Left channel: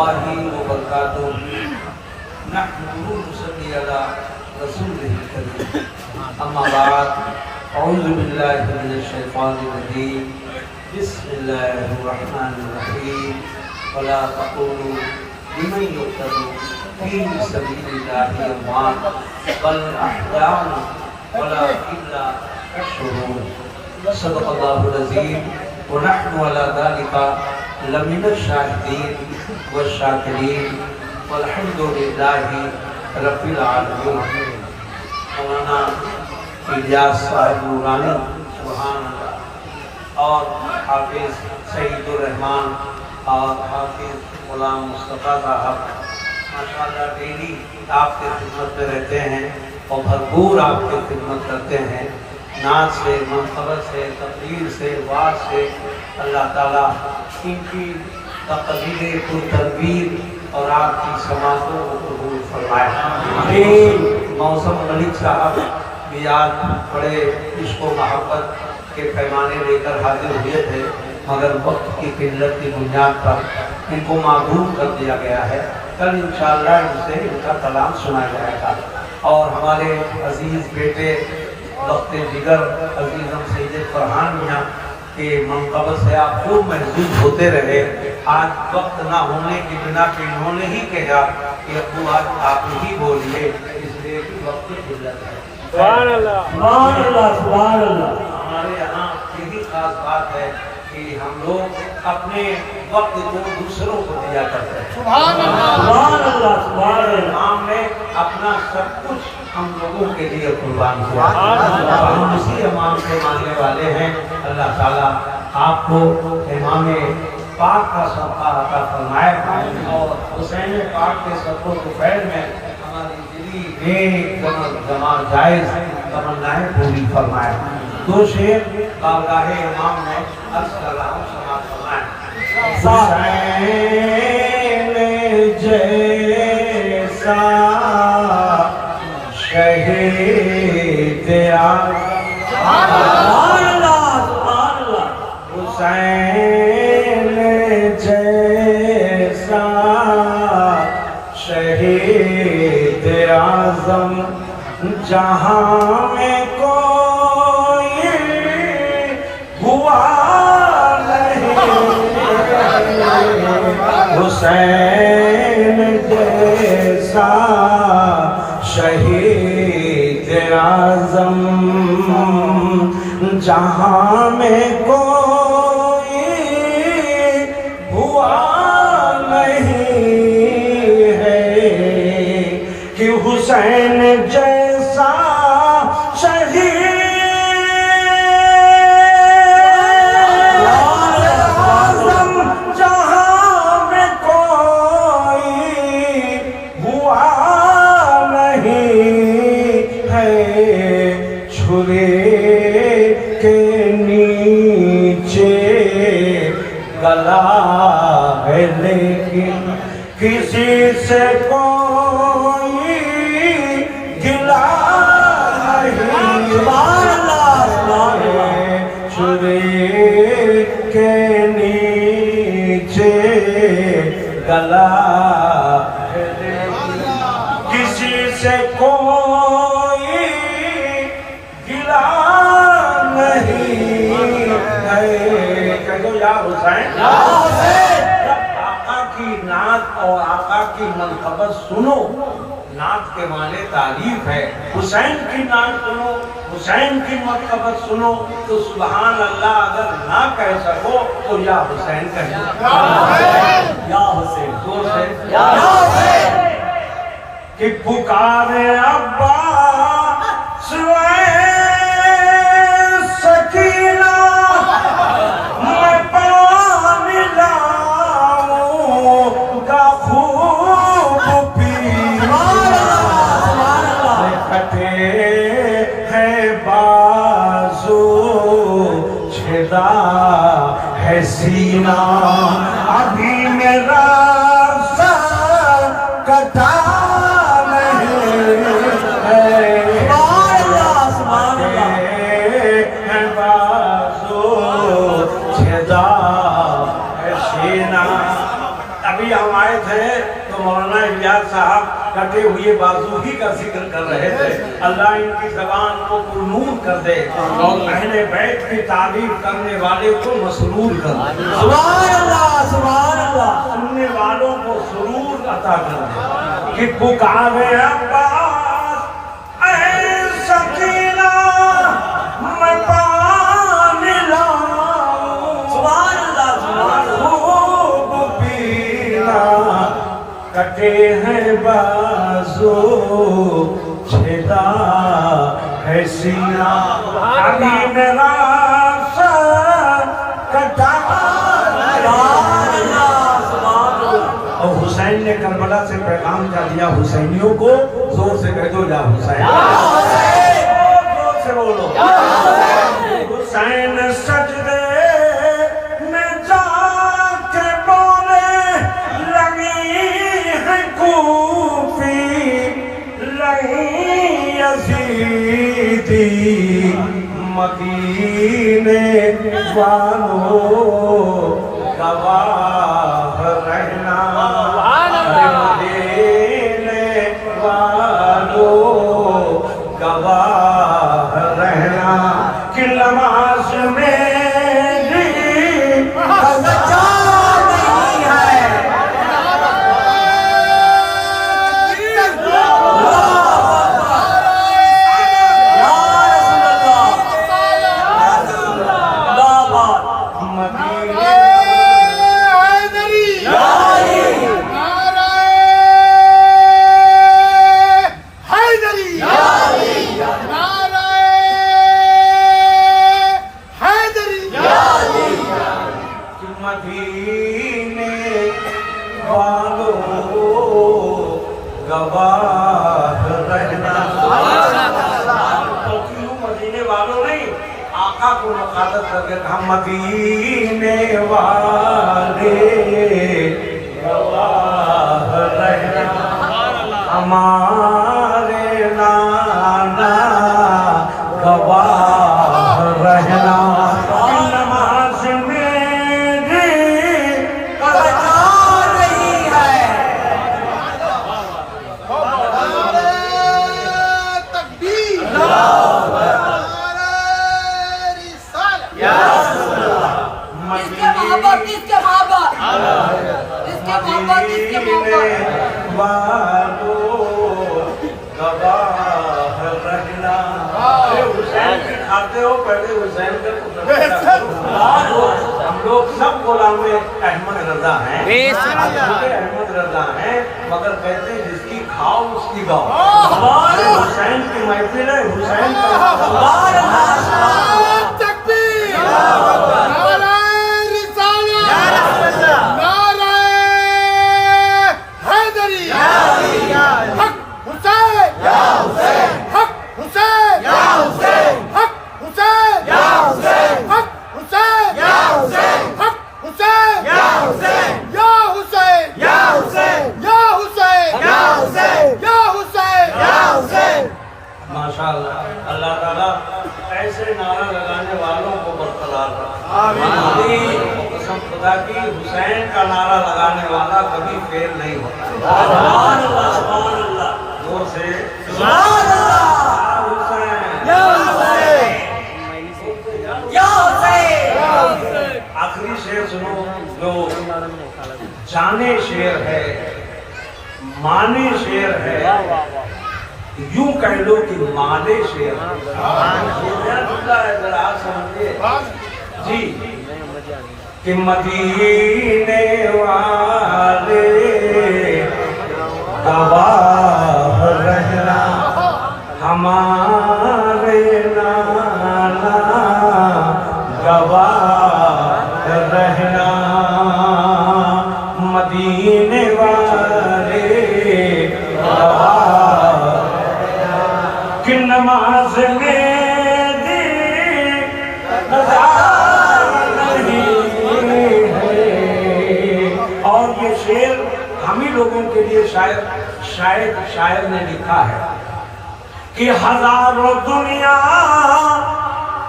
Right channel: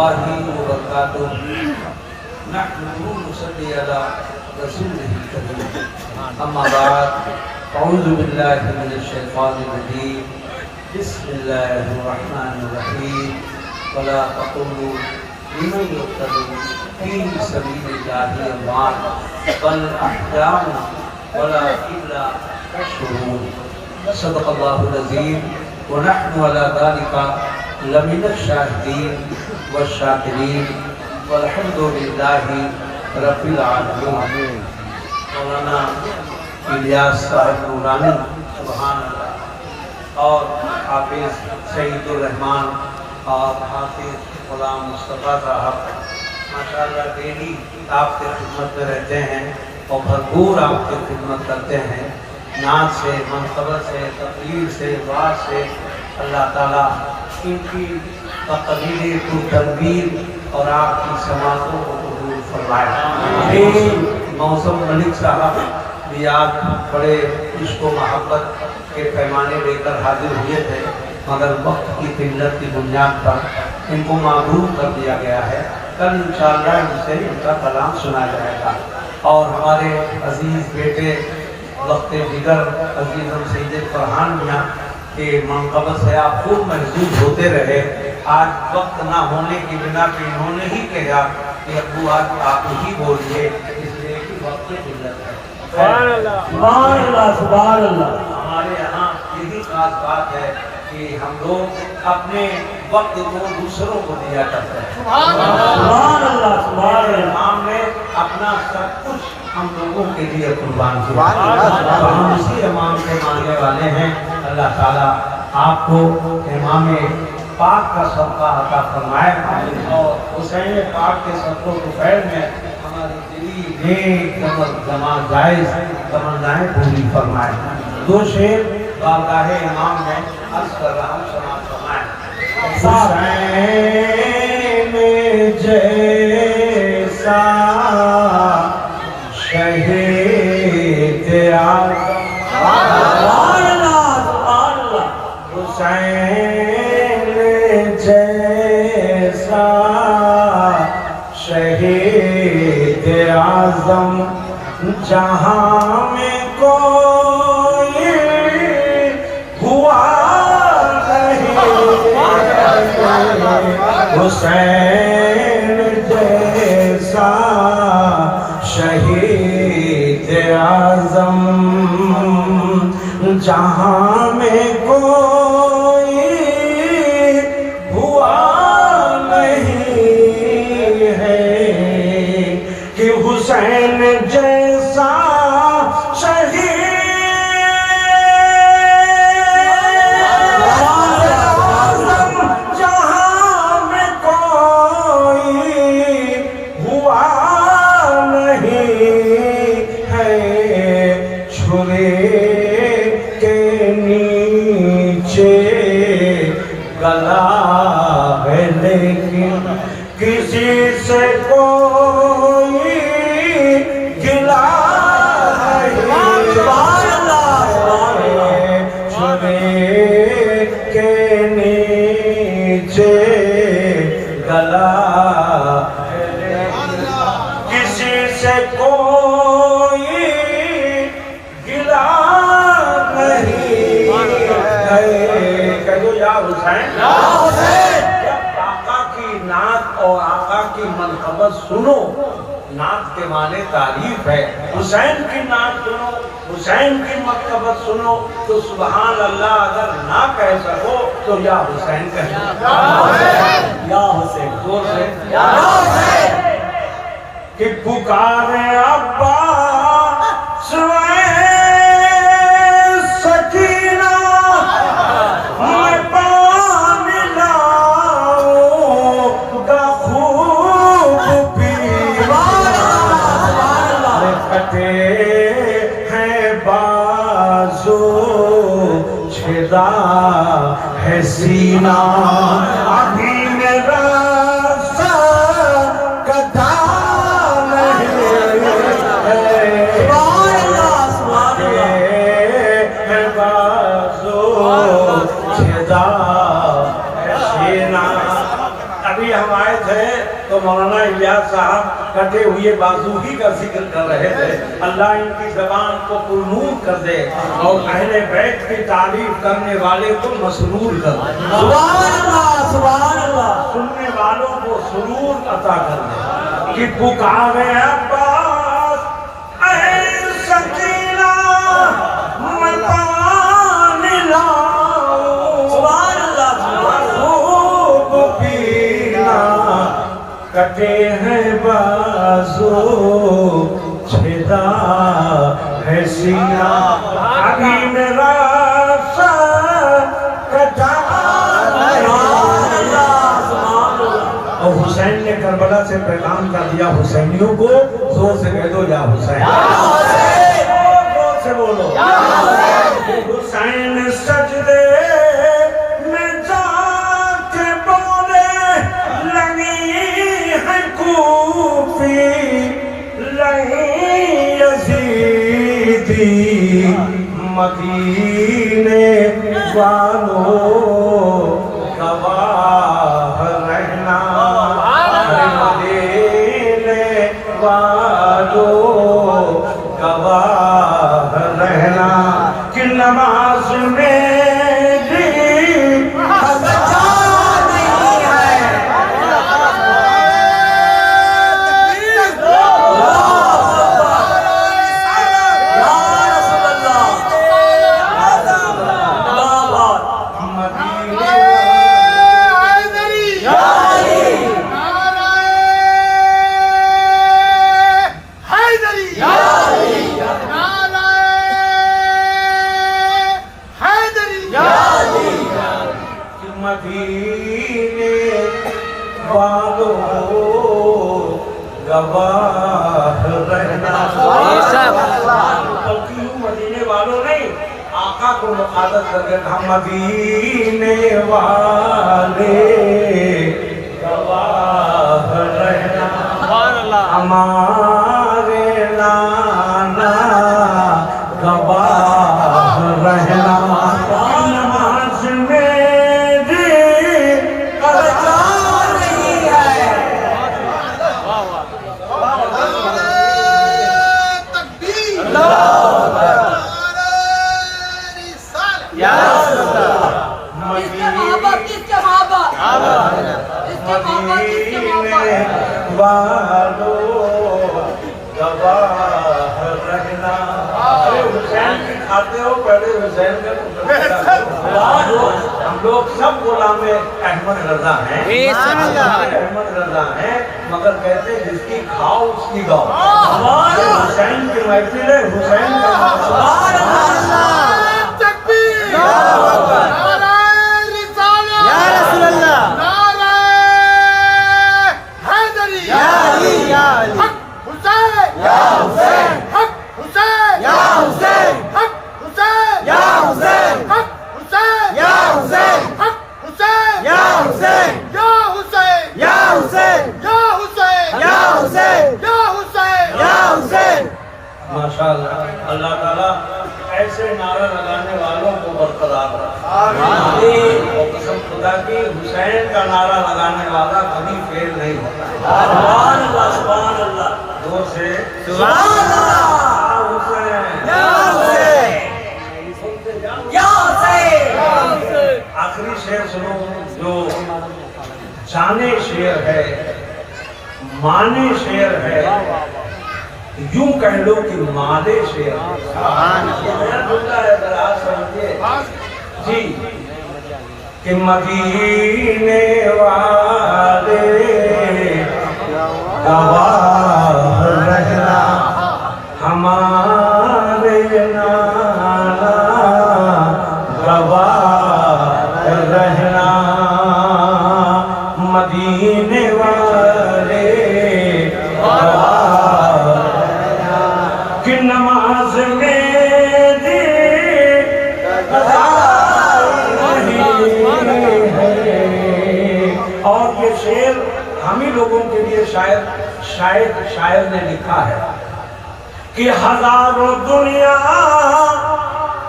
الله وبركاته نحمده ونصلي على رسوله الكريم أما بعد أعوذ بالله من الشيطان الرجيم بسم الله الرحمن الرحيم ولا تقولوا لمن يقتل في سبيل الله أموات بل أحياء ولكن لا تشعرون صدق الله العظيم ونحن على ذلك لمن الشاهدين والشاكرين والحمد لله رب العالمين. مولانا الیاس صاحب نورانی سبحان اللہ اور حافظ سعید الرحمان اور حافظ غلام مصطفیٰ صاحب ماشاءاللہ ڈیلی آپ کے خدمت میں رہتے ہیں اور بھرپور آپ کی خدمت کرتے ہیں. نعت سے، منقبت سے، تقریر سے، وعظ سے اللہ تعالیٰ ان کی تقریر کو تنویر اور آپ کی سماعتوں کو قبول فرمائے. موسم ملک صاحب بھی آج بڑے عشق و محبت کے پیمانے لے کر حاضر ہوئے تھے مگر وقت کی قلت کی بنیاد پر ان کو معذور کر دیا گیا ہے. کل انشاءاللہ ان سے ان کا کلام سنا جائے گا اور ہمارے عزیز بیٹے وقت دیگر عزیزم سید فرحان میاں کے منقبت سے آپ خوب محظوظ ہوتے رہے. آج وقت نہ ہونے کی بنا پہ انہوں نے ہی کہا کہ ابو آج آپ ہی بولیے اس لیے کہ وقت گزر گیا. سبحان اللہ سبحان اللہ. ہمارے یہاں یہی خاص بات ہے کہ ہم لوگ اپنے وقت کو دوسروں کو دیا کرتے ہیں. سبحان اللہ سبحان اللہ. امام نے اپنا سب کچھ ہم لوگوں کے لیے قربان کیا تو ہم اسی امام کے ماننے والے ہیں. اللہ تعالیٰ آپ کو امام پاک کا صدقہ عطا فرمائے اور حسین پاک کے صدقہ طفیل میں ہماری دلی نیک جمال جائز تمنائیں پوری فرمائے. دو شعر بارگاہ امام میں عرض کر رہا ہوں سماعت فرمائیں. حسین جیسا شہید اعظم حسین جیسا شہید اعظم جہاں میں کوئی ہوا نہیں. حسین جیسا شہید اعظم جہاں میں کوئی ہوا نہیں ہے کہ حسین جیسا شہید اعظم جہاں میں کوئی ہوا نہیں ہے. چھرے کے نیچے گلا ہے لیکن کسی سے کوئی گلا نہیں. چھرے کے نیچے گلا ہے لیکن کسی سے کوئی گلا نہیں ہے. کہہ دو یا حسین. جب آقا کی نعت اور آقا کی منقبت سنو، نعت کے معنی تعریف ہے. حسین کی نعت سنو، حسین کی منقبت سنو تو سبحان اللہ اگر نہ کہہ سکو تو یا حسین کہیں. یا حسین زور سے یا حسین. کہ پکارے عباس سکینہ میں پانی لاؤں گا خوب پیوانا. کٹے ہیں بازو چھدا ہے سینہ ابھی میرا کدا ابھی ہم آئے تھے تو مولانا الیاس صاحب کٹے ہوئے بازو ہی کا ذکر کر رہے تھے. اللہ ان کی زبان کو پرنور کر دے اور اہل بیت کی تعریف کرنے والے کو مسرور کر دے. سبحان اللہ سبحان اللہ. سننے والوں کو سرور عطا کر دے. کہ پکارے عباس اے سکینہ میں پانی لاؤں. سبحان اللہ سبحان اللہ. خوب پینا کٹے ہیں بازو چھدا ہے سینہ. ابھی میرا سر کٹا. سبحان اللہ سبحان اللہ. اور حسین نے کربلا سے پیغام کر دیا حسینیوں کو. زور سے کہہ دو یا حسین. زور سے بولو. حسین سجدے میں جا کے بولے لگی ہے کوفی لگی یزیدی مدینے والوں گواہ رہنا. ارے مدینے والوں گواہ رہنا کہ نماز میری قضا نہیں ہے. یا رسول اللہ. اللہ بات. مدینے مدینے والوں گواہ رہنا. بلکہ یوں مدینے والوں نہیں آقا کو مخاطب کر کے کہا مدینے والے گواہ رہنا. ہمارے نانا گواہ رہنا. نماز میری قضا نہیں ہے. مدینے والوں گواہ رہنا. ارے حسین کی کھاتے ہو پہلے حسین میں ہم لوگ سب غلام احمد رضا ہیں. احمد رضا ہیں مگر کہتے ہیں جس کی کھاؤ اس کی گاؤ. حسین کی محفل ہے. حسین کا سبحان اللہ. ماشاءاللہ. اللہ تعالیٰ ایسے نعرہ لگانے والوں کو برقرار رکھے. اور قسم خدا کی حسین کا نعرہ لگانے والا کبھی فیل نہیں ہوتا. سبحان اللہ سبحان اللہ. دور سے سبحان اللہ. حسین یا حسین یا حسین. آخری شعر سنو جو جانے شعر ہے مانے شعر ہے یوں کہہ لو کہ مادے شعر. یہ نیا ٹکڑا ہے ذرا سمجھیے جی. کہ مدینے والے گواہ رہنا ہمارے نانا گواہ رہنا. مدینے والے کہ نماز میری قضا نہیں ہے. اور یہ شعر ہم ہی لوگوں کے لیے شاعر نے لکھا ہے کہ ہزاروں دنیا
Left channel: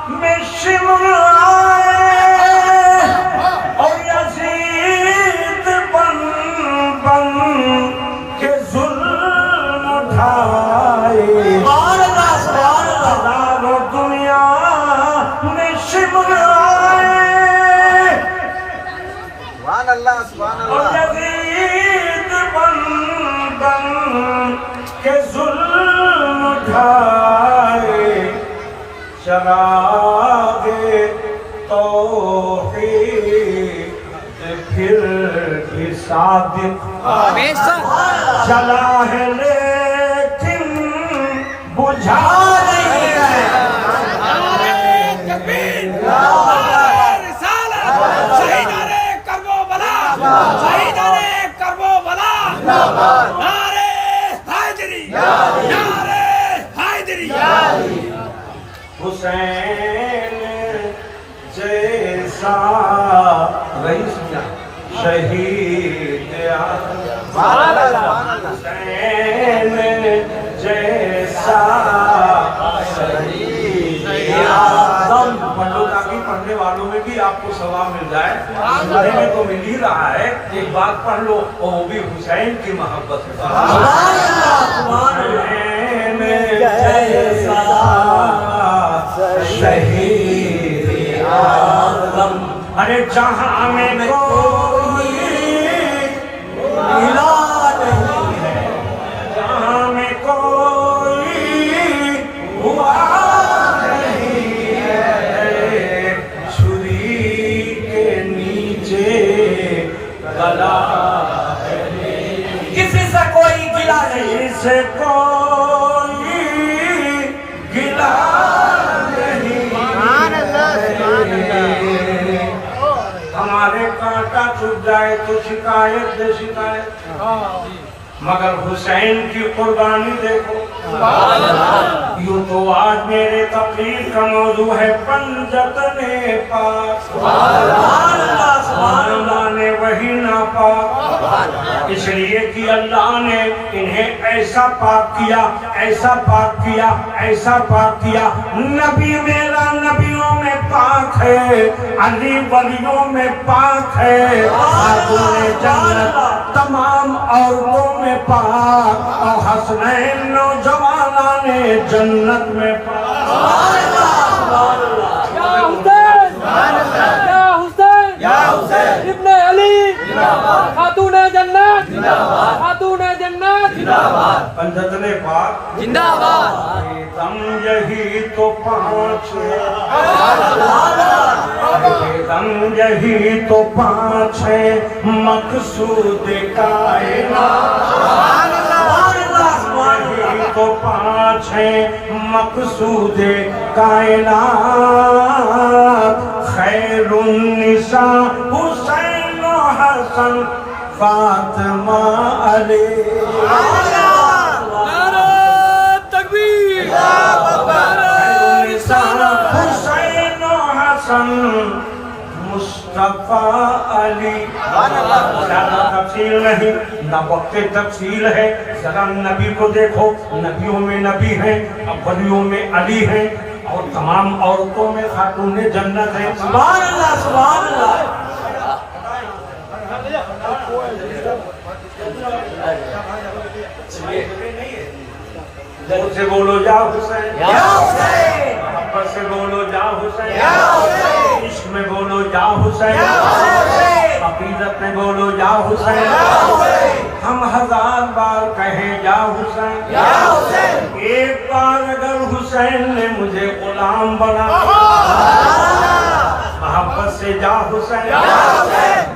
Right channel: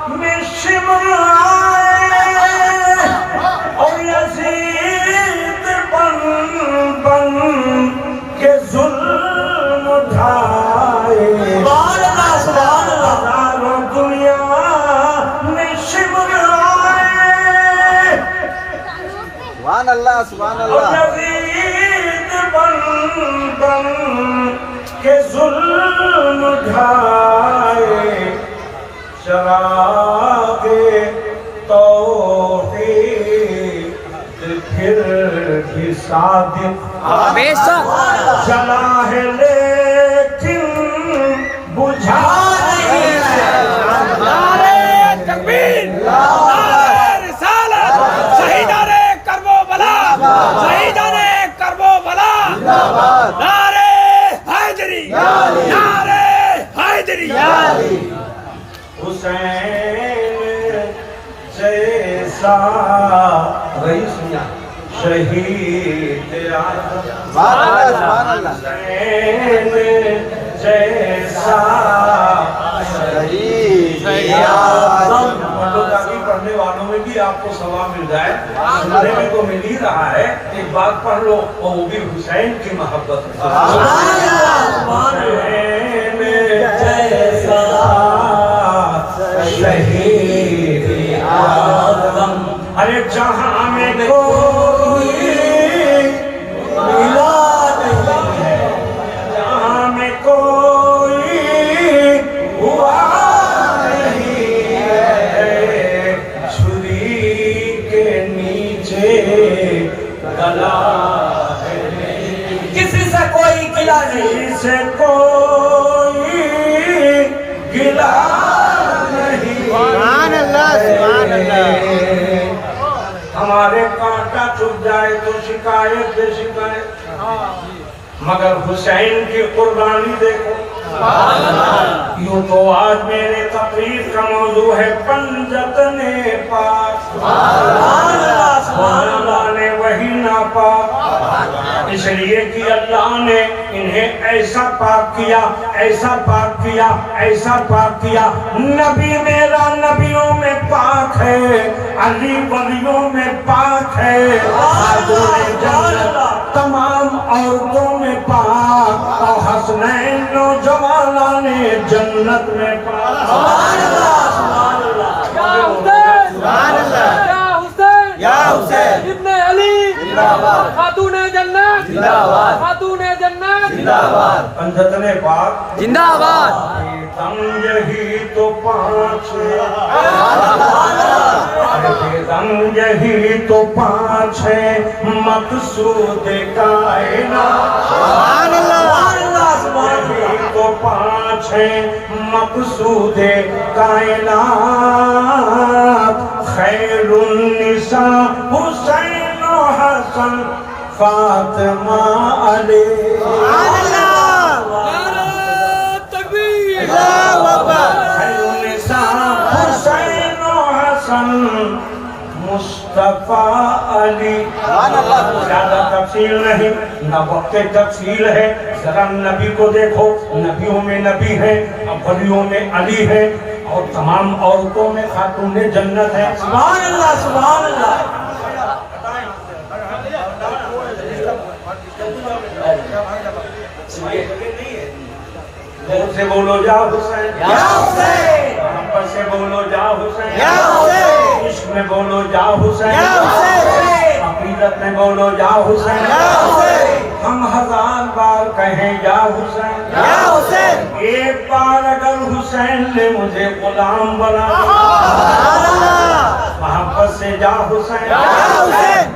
میں شمع آئے اور یزید بن سبحان اللہ سبحان اور اللہ یزید بن بن کے ظلم اٹھائے چراغ توحید پھر بھی صادق بے شک جلا ہے لیکن بجھا نہیں ہے تکبیر رسالت شہیدان کربلا شہیدان کربلا نعرہ حیدری نعرہ حیدری حسین جیسا رئیس میاں شہید اعظم حسین جیسا شہید اعظم پڑھ لو تاکہ پڑھنے والوں میں بھی آپ کو ثواب مل جائے. سننے میں تو مل ہی رہا ہے. ایک بات پڑھ لو اور وہ بھی حسین کی محبت ہے. حسین جیسا شہید اعظم ارے جہاں میں کوئی ملا نہیں ہے جہاں میں کوئی ہوا نہیں ہے چھری کے نیچے گلا ہے کسی سے کوئی گلا نہیں کسی سے کوئی گلا نہیں ہمارے کانٹا چھپ جائے تو شکایت دے شکایت مگر حسین کی قربانی دیکھو. یوں تو آج میرے تقریر کا موضوع ہے پنجتن پاک سبحان اللہ نے وہی ناپاک اس لیے کہ اللہ نے انہیں ایسا پاک کیا ایسا پاک کیا ایسا پاک کیا. نبی میرا نبیوں میں پاک ہے علی ولیوں میں پاک ہے خاتون جنت تمام عورتوں میں پاک اور حسنین نوجوانوں نے جنت میں پاک. یا حسین ابن علی خاتون جنت خاتون جنت پنجتن پاک زندہ آباد. دم یہی تو پانچ دم یہی تو پانچ ہے مقصود کائنات یہی تو پانچ ہے مقصود کائنات خیر النساء حسین و حسن فاطمہ علی حسین و حسن مصطفیٰ علی. زیادہ تفصیل نہیں نہ وقت تفصیل ہے. ذرا نبی کو دیکھو نبیوں میں نبی ہے ولیوں میں علی ہے اور تمام عورتوں میں خاتون جنت ہے. سبحان اللہ سبحان اللہ زور سے بولو یا حسین یا حسین محبت سے بولو یا حسین یا حسین عشق میں بولو یا حسین یا حسین عقیدت میں بولو یا حسین ہم ہزار بار کہیں یا حسین یا حسین ایک بار اگر حسین نے مجھے غلام بنا محبت سے یا حسین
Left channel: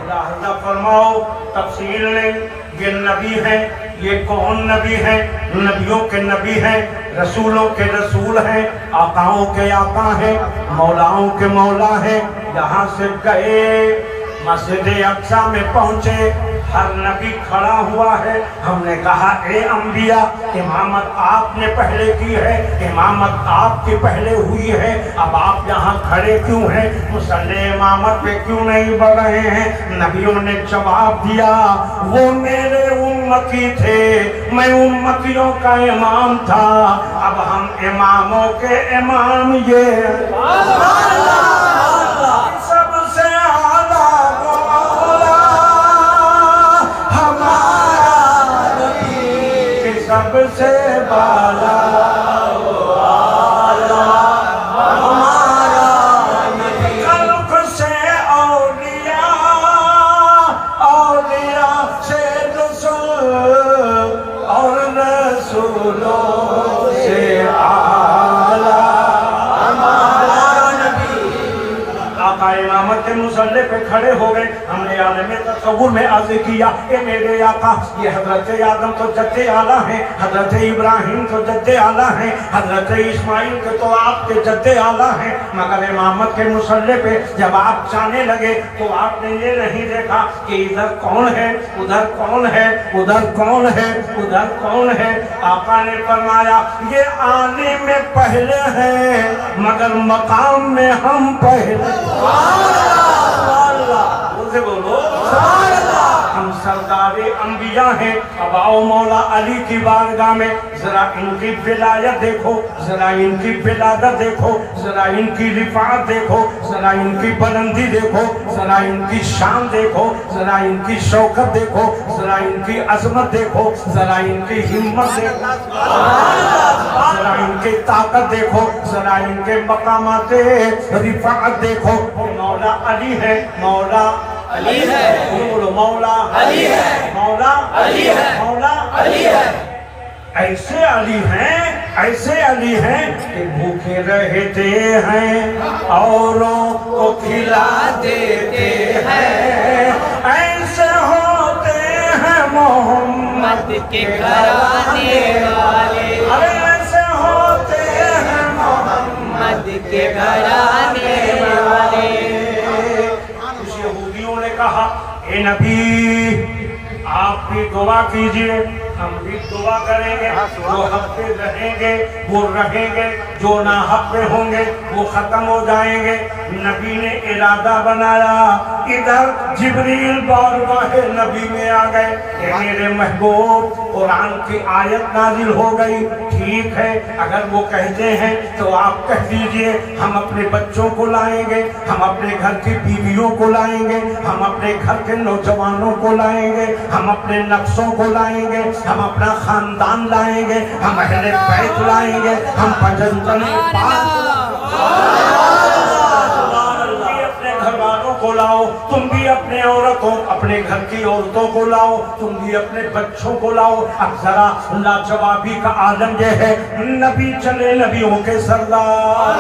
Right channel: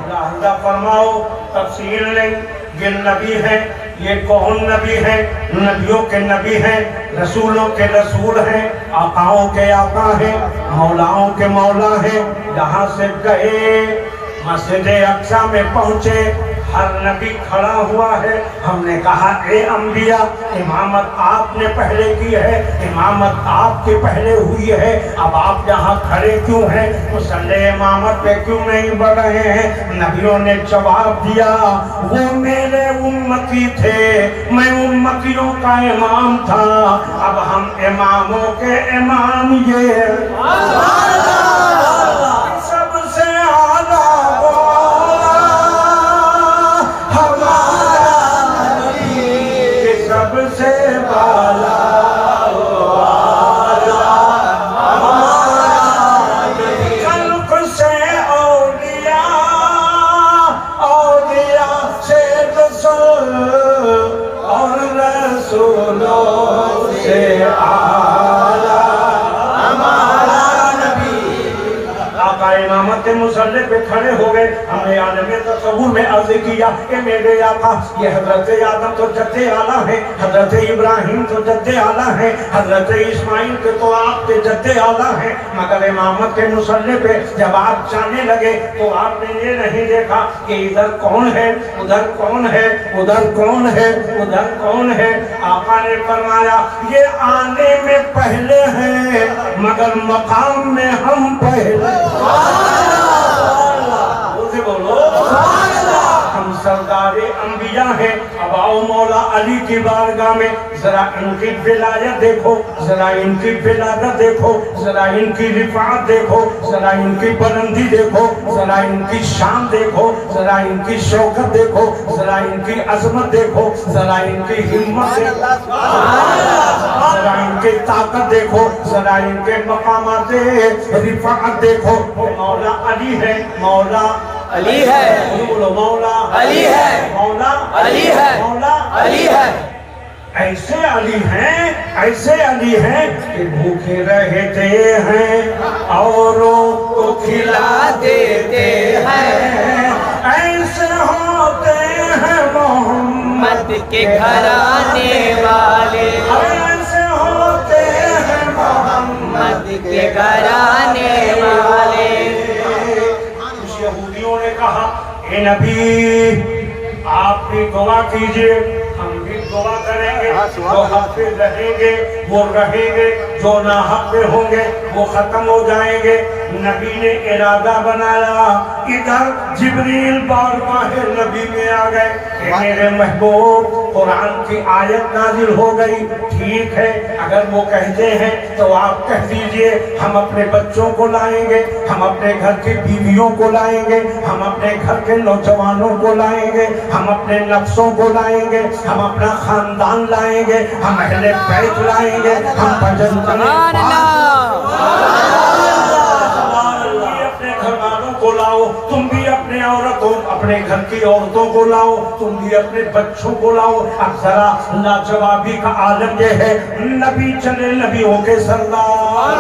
راہدہ فرماؤ تفصیل نہیں. یہ نبی ہے یہ کون نبی ہے نبیوں کے نبی ہیں رسولوں کے رسول ہیں آقاؤں کے آقا ہیں مولاؤں کے مولا ہیں. یہاں سے گئے مسجد اقصی میں پہنچے ہر نبی کھڑا ہوا ہے. ہم نے کہا اے انبیاء امامت آپ نے پہلے کی ہے امامت آپ کی پہلے ہوئی ہے اب آپ یہاں کھڑے کیوں ہیں مصلی امامت پہ کیوں نہیں بڑھ رہے ہیں. نبیوں نے جواب دیا وہ میرے امتی تھے میں امتیوں کا امام تھا اب ہم اماموں کے امام یہ سب سے اعلیٰ مولا ہمارا نبی سب سے بالا ہمارا نبی خلق سے اولیاء इमामत के मुसल्ले पे खड़े हो गए। हमने आलम तसव्वुर में अर्ज किया कि मेरे आका ये हजरत आदम तो जद्दे आला है, हजरत इब्राहिम तो जद्दे आला है, हजरत इस्माइल के तो आपके जद्दे आला है, मगर इमामत के मुसल्ले पे जब आप जाने लगे तो आपने ये नहीं देखा कि इधर कौन है, उधर कौन है, उधर कौन है, उधर कौन है। आका ने फरमाया ये आने में पहले हैं मगर मकाम में हम पहले। बोलते बोलो हम सरदारे अंबिया हैं। अब आओ मौला अली की बारगाह में, जरा इनकी विलायत देखो, जरा इनकी विलादत देखो, जरा इनकी रिफात देखो, जरा इनकी बुलंदी देखो, जरा इनकी शान देखो, जरा इनकी शौकत देखो, जरा इनकी अजमत देखो, जरा इनकी हिम्मत देखो, जरा इनकी ताकत देखो, जरा इनके मकामात रिफात देखो। मौला अली है, मौला अली है, बोलो बोलो मौला अली है, मौला अली है, मौला अली है। ऐसे अली हैं, ऐसे अली हैं कि भूखे रहते हैं औरों को खिला देते हैं। ऐसे होते हैं मोहम्मद के घराने वाले, अरे ऐसे होते हैं मोहम्मद के घराने वाले। कुछ यहूदियों ने कहा ए नबी आप भी दुआ कीजिए, हम भी दुआ करेंगे, जो हक पे रहेंगे वो रहेंगे, जो ना हक पे होंगे वो खत्म हो जाएंगे। नबी ने इरादा बनाया, इधर जिब्रील बारगाह नबी में आ गए कि मेरे महबूब कुरान की आयत नाजिल हो गई, ठीक है अगर वो कहते हैं तो आप कह दीजिए हम अपने बच्चों को लाएंगे, हम अपने घर की बीवियों को लाएंगे, हम अपने घर के नौजवानों को लाएंगे, हम अपने नफ्सों को लाएंगे, हम अपना खानदान लाएंगे, हम अहले बैत लाएंगे, हम भजन घर वालों को लाओ, तुम भी अपने औरतों, अपने घर की औरतों को लाओ, तुम भी अपने बच्चों को लाओ। अब जरा लाजवाबी का आलम ये है, नबी चले नबियों के सरदार,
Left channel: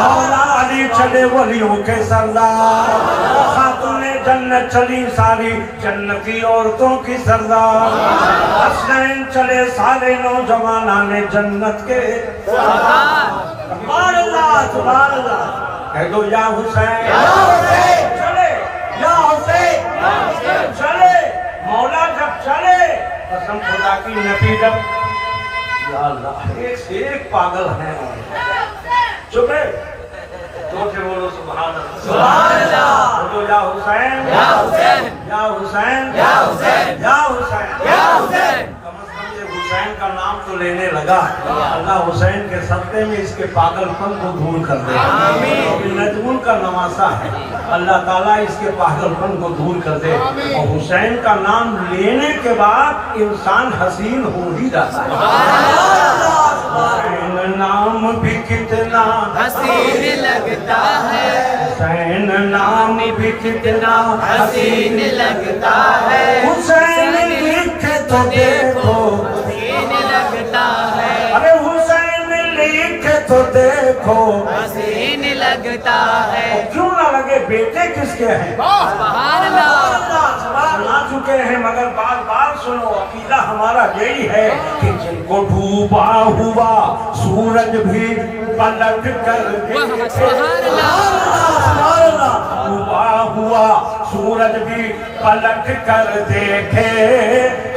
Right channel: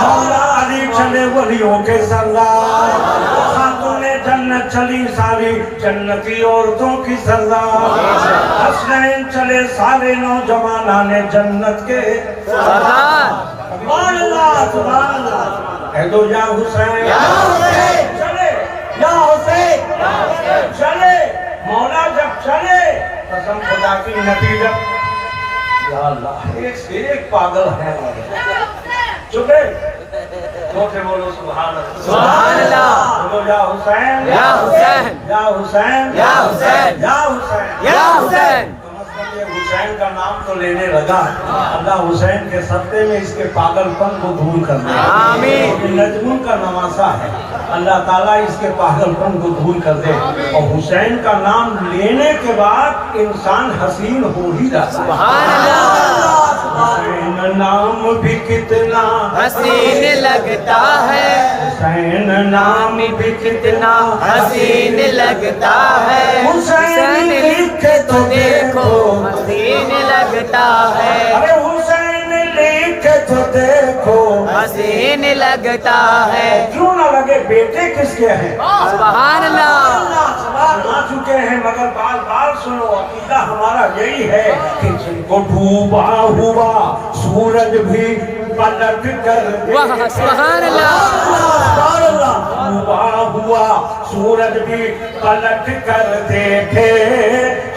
मौला अली चले वलियों के सरदार, खातूने जन्नत चली सारी जन्नती औरतों की सरदार, हसनैन चले सारे नौजवानाने जन्नत के सरदार। सुभान अल्लाह, सुभान अल्लाह। कह दो या हुसैन, या हुसैन चले, या हुसैन चले। मौला जब चले कसम खुदा की नबी जब, या अल्लाह एक से एक पागल है। चुप है, जोर से बोलो सुभान अल्लाह, सुभान अल्लाह। बोलो या हुसैन, या हुसैन, या हुसैन, या हुसैन, या हुसैन, या हुसैन। ये हुसैन का नाम तो लेने लगा, अल्लाह हुसैन के सत्ते में इसके पागलपन को दूर कर दे। नजमुल का नवासा है, अल्लाह ताला इसके पागलपन को दूर कर दे। और हुसैन का नाम लेने के बाद इंसान हसीन हो ही जाता है। हुसैन नाम भी कितना हसीन लगता है, हुसैन नाम भी कितना हसीन लगता है, हुसैन लिखे तो देखो हसीन लगता है, अरे हुसैन लिखे तो देखो हसीन लगता है। क्यों ना लगे, बेटे किसके हैं? सुभान अल्लाह। सुना चुके हैं मगर बार बार सुनो, अकीदा हमारा यही है कि जिनको डूबा हुआ सूरज भी पलट कर वाह सुभान अल्लाह, डूबा हुआ सूरज भी पलट कर देखे,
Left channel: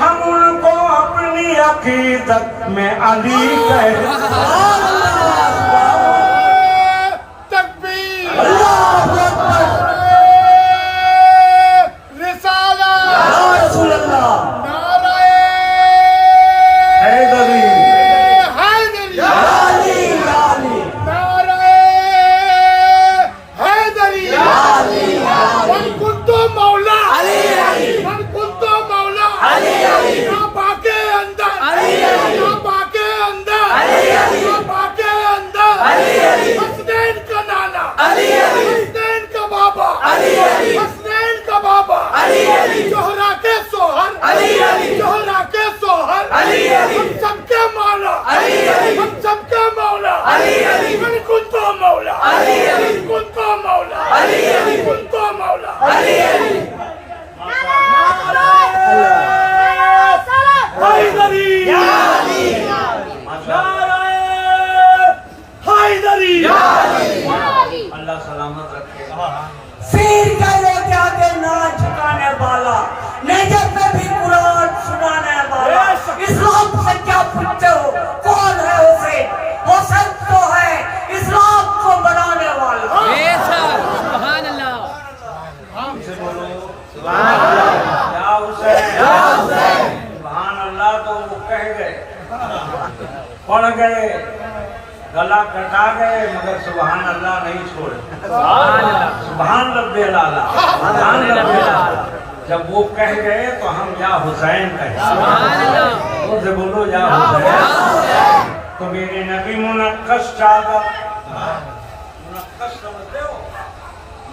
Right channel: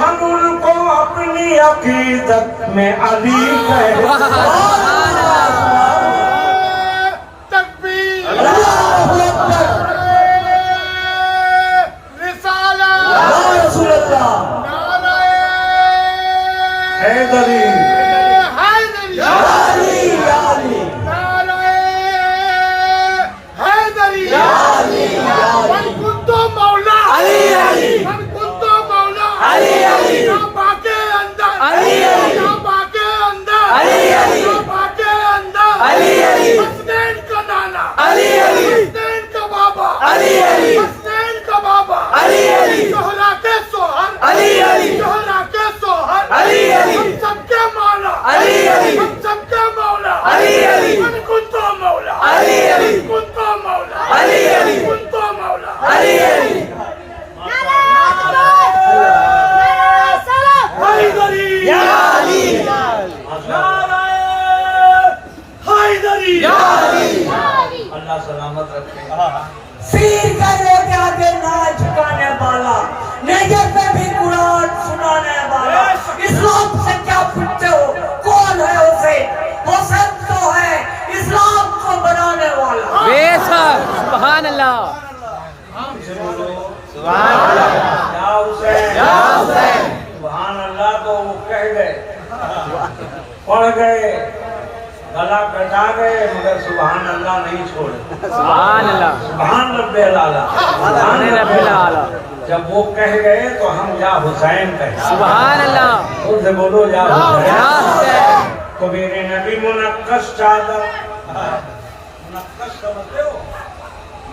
हम उनको अपनी अकीदत में अली कहे। हैदरी अली अली पढ़ गए, गला कटा गए, मगर सुभान अल्लाह नहीं छोड़े। सुभान रब्बिल आला, सुभान रब्बिल आला। जब वो कह गए तो हम या हुसैन कहे। सुभान अल्लाह। उनसे बोलो या हुसैन। या हुसैन। तो मेरे नबी मुनक्कश चादर, मुनक्कश समझते हो?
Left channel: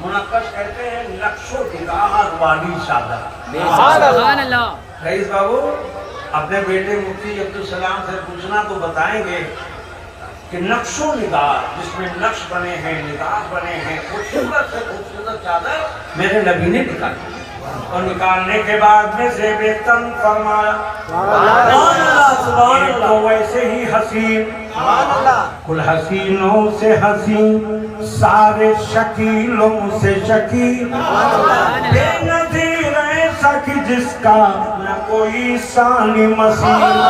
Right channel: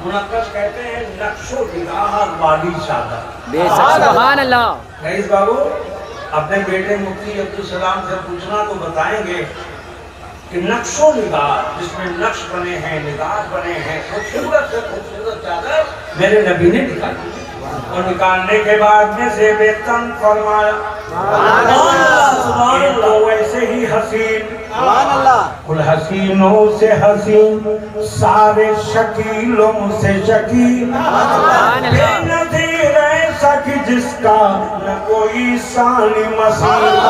मुनक्कश कहते हैं नक्शो निगार वाली चादर। बेशक सुभान अल्लाह। रईस बाबू अपने बेटे मुफ्ती अब्दुल सलाम से पूछना तो बताएंगे कि नक्शो निगार, जिसमें नक्श बने हैं, निगार बने हैं, खूबसूरत से खूबसूरत चादर मेरे नबी ने निकाली। और निकालने के बाद में ज़ेबे तन फरमाया, एक तो वैसे ही हसीन, कुल हसीनों से हसीन, सारे शकीलों से शकील, कि जिसका न कोई सानी मसीह।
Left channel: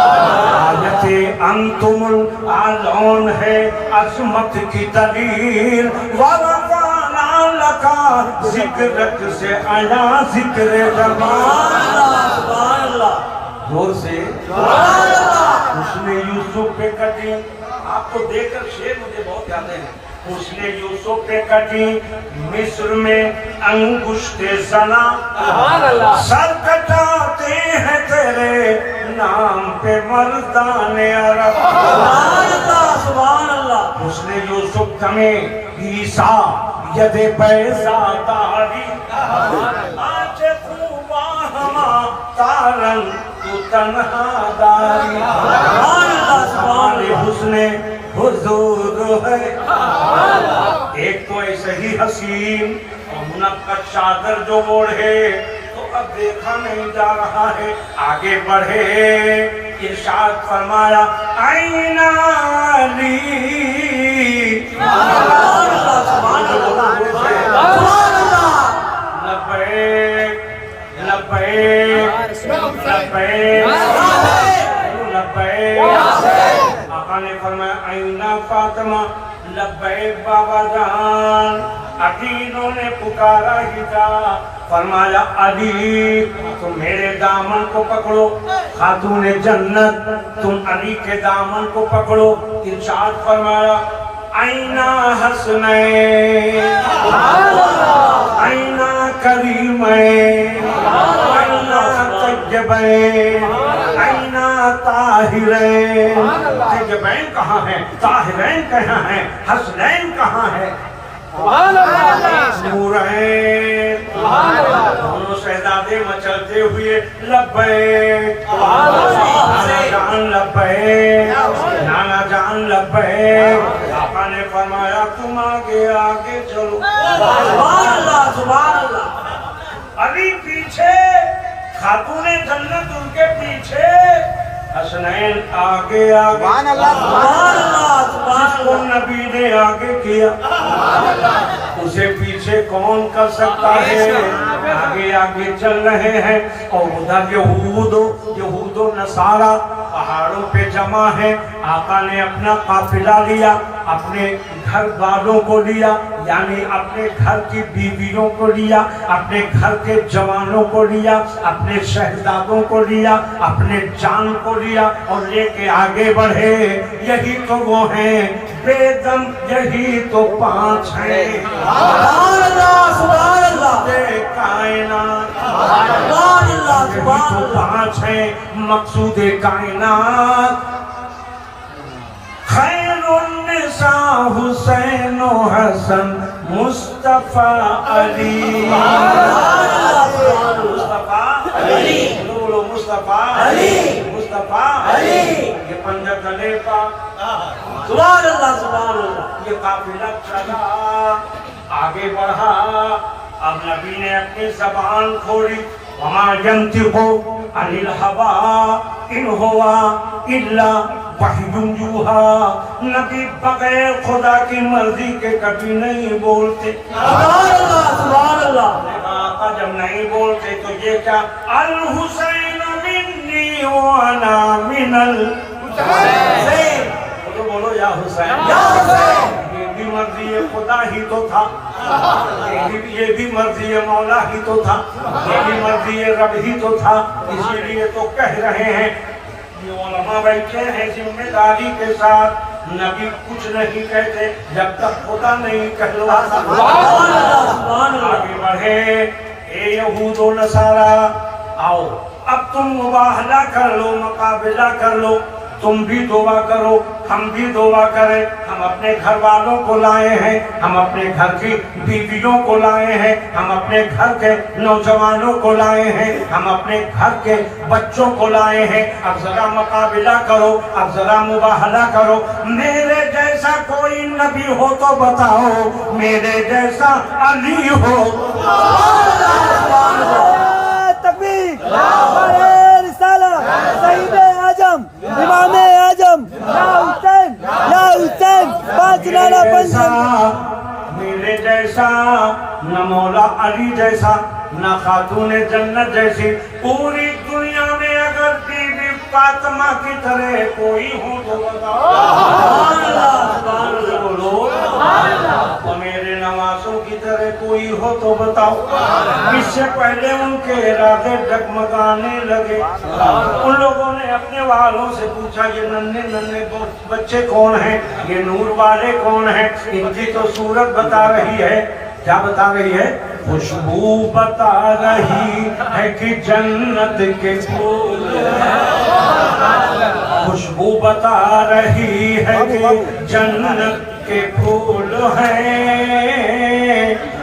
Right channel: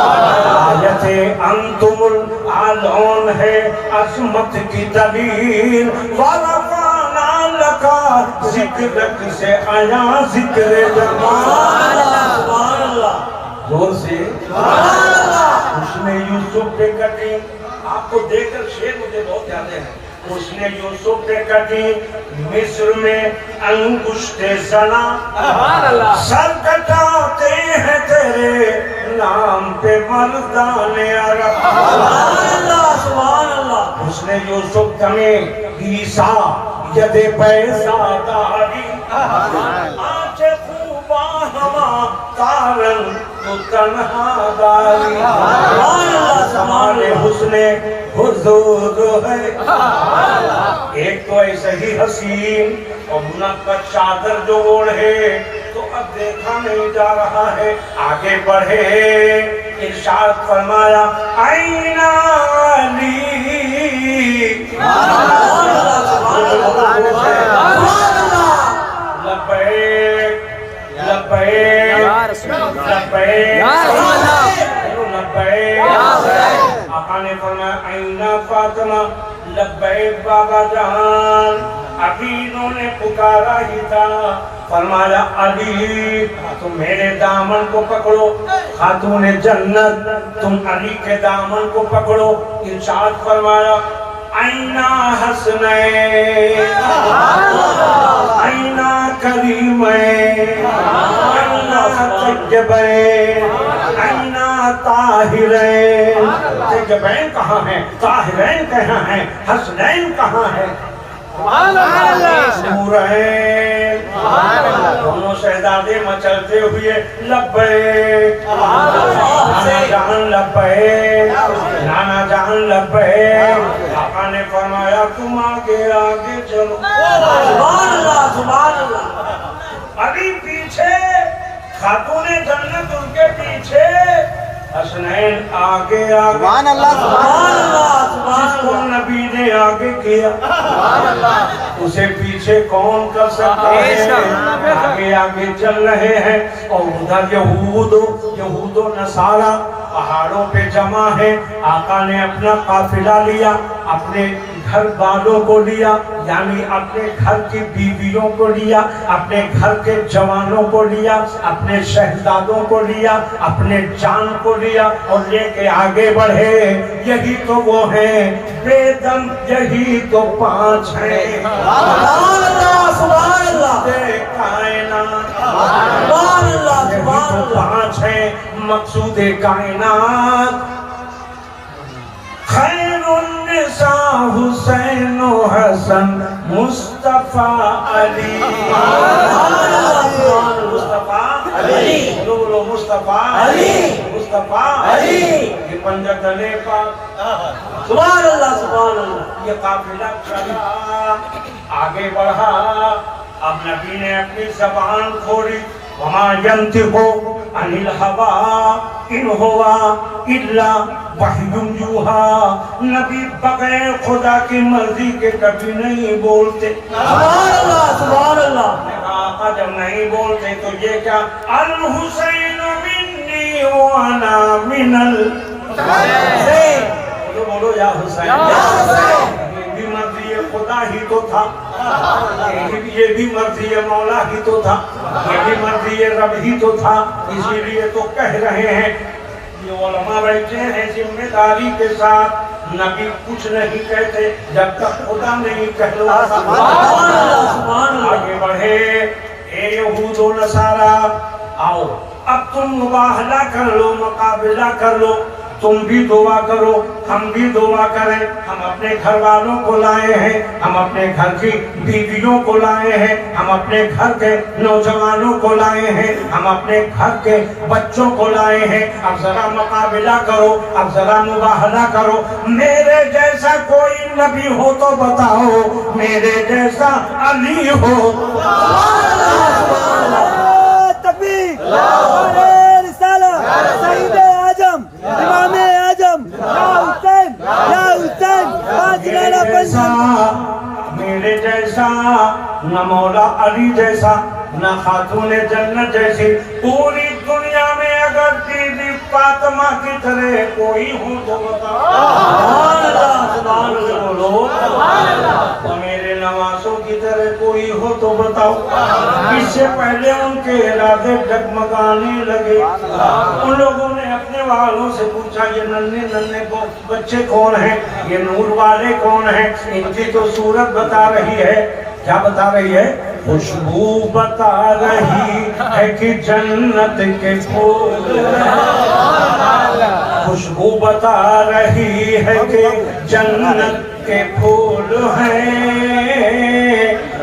आयते अंतुमुल आलौन है अजमत की दलील, वरफ़ाना लका ज़िक्रक से आया ज़िक्र जमाल। सुभान अल्लाह। जोर से उसने यूसुफ पे कटी। आपको देखकर शेर मुझे बहुत याद है। उसने यूसुफ पे कटी, मिस्र में अंगुष्ठे सना, सर कटाते हैं तेरे नाम पे मर्दाने अरब। सुभान अल्लाह। उसने यूसुफ तमें ईसा यदे पैसा दारी, आंचे खूबा हमा तारन तो तन्हा दारी। हमारे हुस्ने हुजूर है, एक तो ऐसे ही हसीन और मुनक्कश चादर जो ओढ़े, तो अब देखा नहीं जा रहा है, आगे बढ़े। इरशाद फरमाया आईना अली, लब्बैक लब्बैक लब्बैक लब्बैक। आका ने फरमाया आईना फातिमा, लब्बैक बाबा जान। अकीलों ने पुकारा ही था, फरमाया अली तुम मेरे दामन को पकड़ो। खातून जन्नत तुम अली के दामन को पकड़ो। इरशाद फरमाया आईना हसनैन, आईना करीमैन, आईना तय्यबैन, आईना ताहिरैन। तय्यबैन कहाँ है, ताहिरैन कहाँ है, हसनैन कहाँ है? नूरैन। दोनों शहजादे मचलते हुए लब्बैक, नाना जान लब्बैक, नाना जान लब्बैक। आका ने फरमाया तुम आगे आगे चलो। सुभान अल्लाह, सुभान अल्लाह। अली पीछे, खातूने जन्नत उनके पीछे, हसनैन आगे आगे। जिसको नबी ने आगे किया उसे पीछे कौन कर सकता है? आगे आगे चल रहे हैं और उधर यहूदो नसारा पहाड़ों पे जमा है। आका ने अपना काफिला लिया, अपने घर वालों को लिया, यानी अपने घर की बीवियों को लिया, अपने घर के जवानों को लिया, अपने शहजादों को लिया, अपने जान को लिया और लेके आगे बढ़े। यही तो वो है बेदम, यही तो पांच है। यही तो पांच है मकसूदे कायनात। खैरुन्निसा हुसैन हसन मुस्तफा अली। मुस्तफा अली, बोलो बोलो मुस्तफा अली, मुस्तफा अली। ये पंजा गले का सुभान अल्लाह, सुभान अल्लाह। ये काफिला चला, आगे बढ़ा। अब नबी ने अपनी ज़बान खोली, वमा यंतिक़ु अनिल हवा इन हुवा इल्ला वह्युन यूहा। नबी बगैर खुदा की मर्जी के कभी नहीं बोलते। सुभान अल्लाह, सुभान अल्लाह। आका जब नहीं बोलते तो ये क्या, अल हुसैन मिन्नी व अना मिनल हुसैन। बोलो बोलो या हुसैन। ये भी मर्जी खुदा ही तो था, ये भी मर्जी मौला ही तो था, ये भी मर्जी रब ही तो था। इसीलिए तो कह रहे हैं ये उलमा बैठे हैं जिम्मेदारी के साथ, नबी कुछ नहीं कहते जब तक खुदा नहीं कहलाता। आगे बढ़े, ए यहूद व नसारा, आओ अब तुम मुबाहला कर लो, मुकाबला कर लो, तुम भी दुआ करो, हम भी दुआ करें। हम अपने घर वालों को लाए हैं, हम अपने घर की बीवियों को लाए हैं, हम अपने घर के नौजवानों को लाए हैं, हम अपने घर के बच्चों को लाए हैं। अब जरा मुकाबला करो, अब जरा मुबाहला करो। मेरे जैसा कोई नबी हो तो बताओ, मेरे जैसा अली हो। तकबीर, नारे रिसालत, सईदे आजम, इमामे आजम, या हुसैन, बाजलाना पंजाब। मेरे जैसा न मौला अली जैसा, न खातून जन्नत जैसी, पूरी दुनिया में अगर बीबी फातिमा की तरह कोई हो तो बताओ। सुभान अल्लाह बोलो। तो मेरे नवासों की तरह कोई हो तो बताओ। इससे पहले उनके इरादे डगमगाने लगे। उन लोगों ने अपने वालों से पूछा, ये नन्हे नन्हे बच्चे कौन हैं, ये नूर वाले कौन हैं? इनकी तो सूरत बता रही है। क्या बता रही है? खुशबू बता रही है कि जन्नत के फूल हैं। खुशबू बता रही है कि जन्नत के फूल हैं।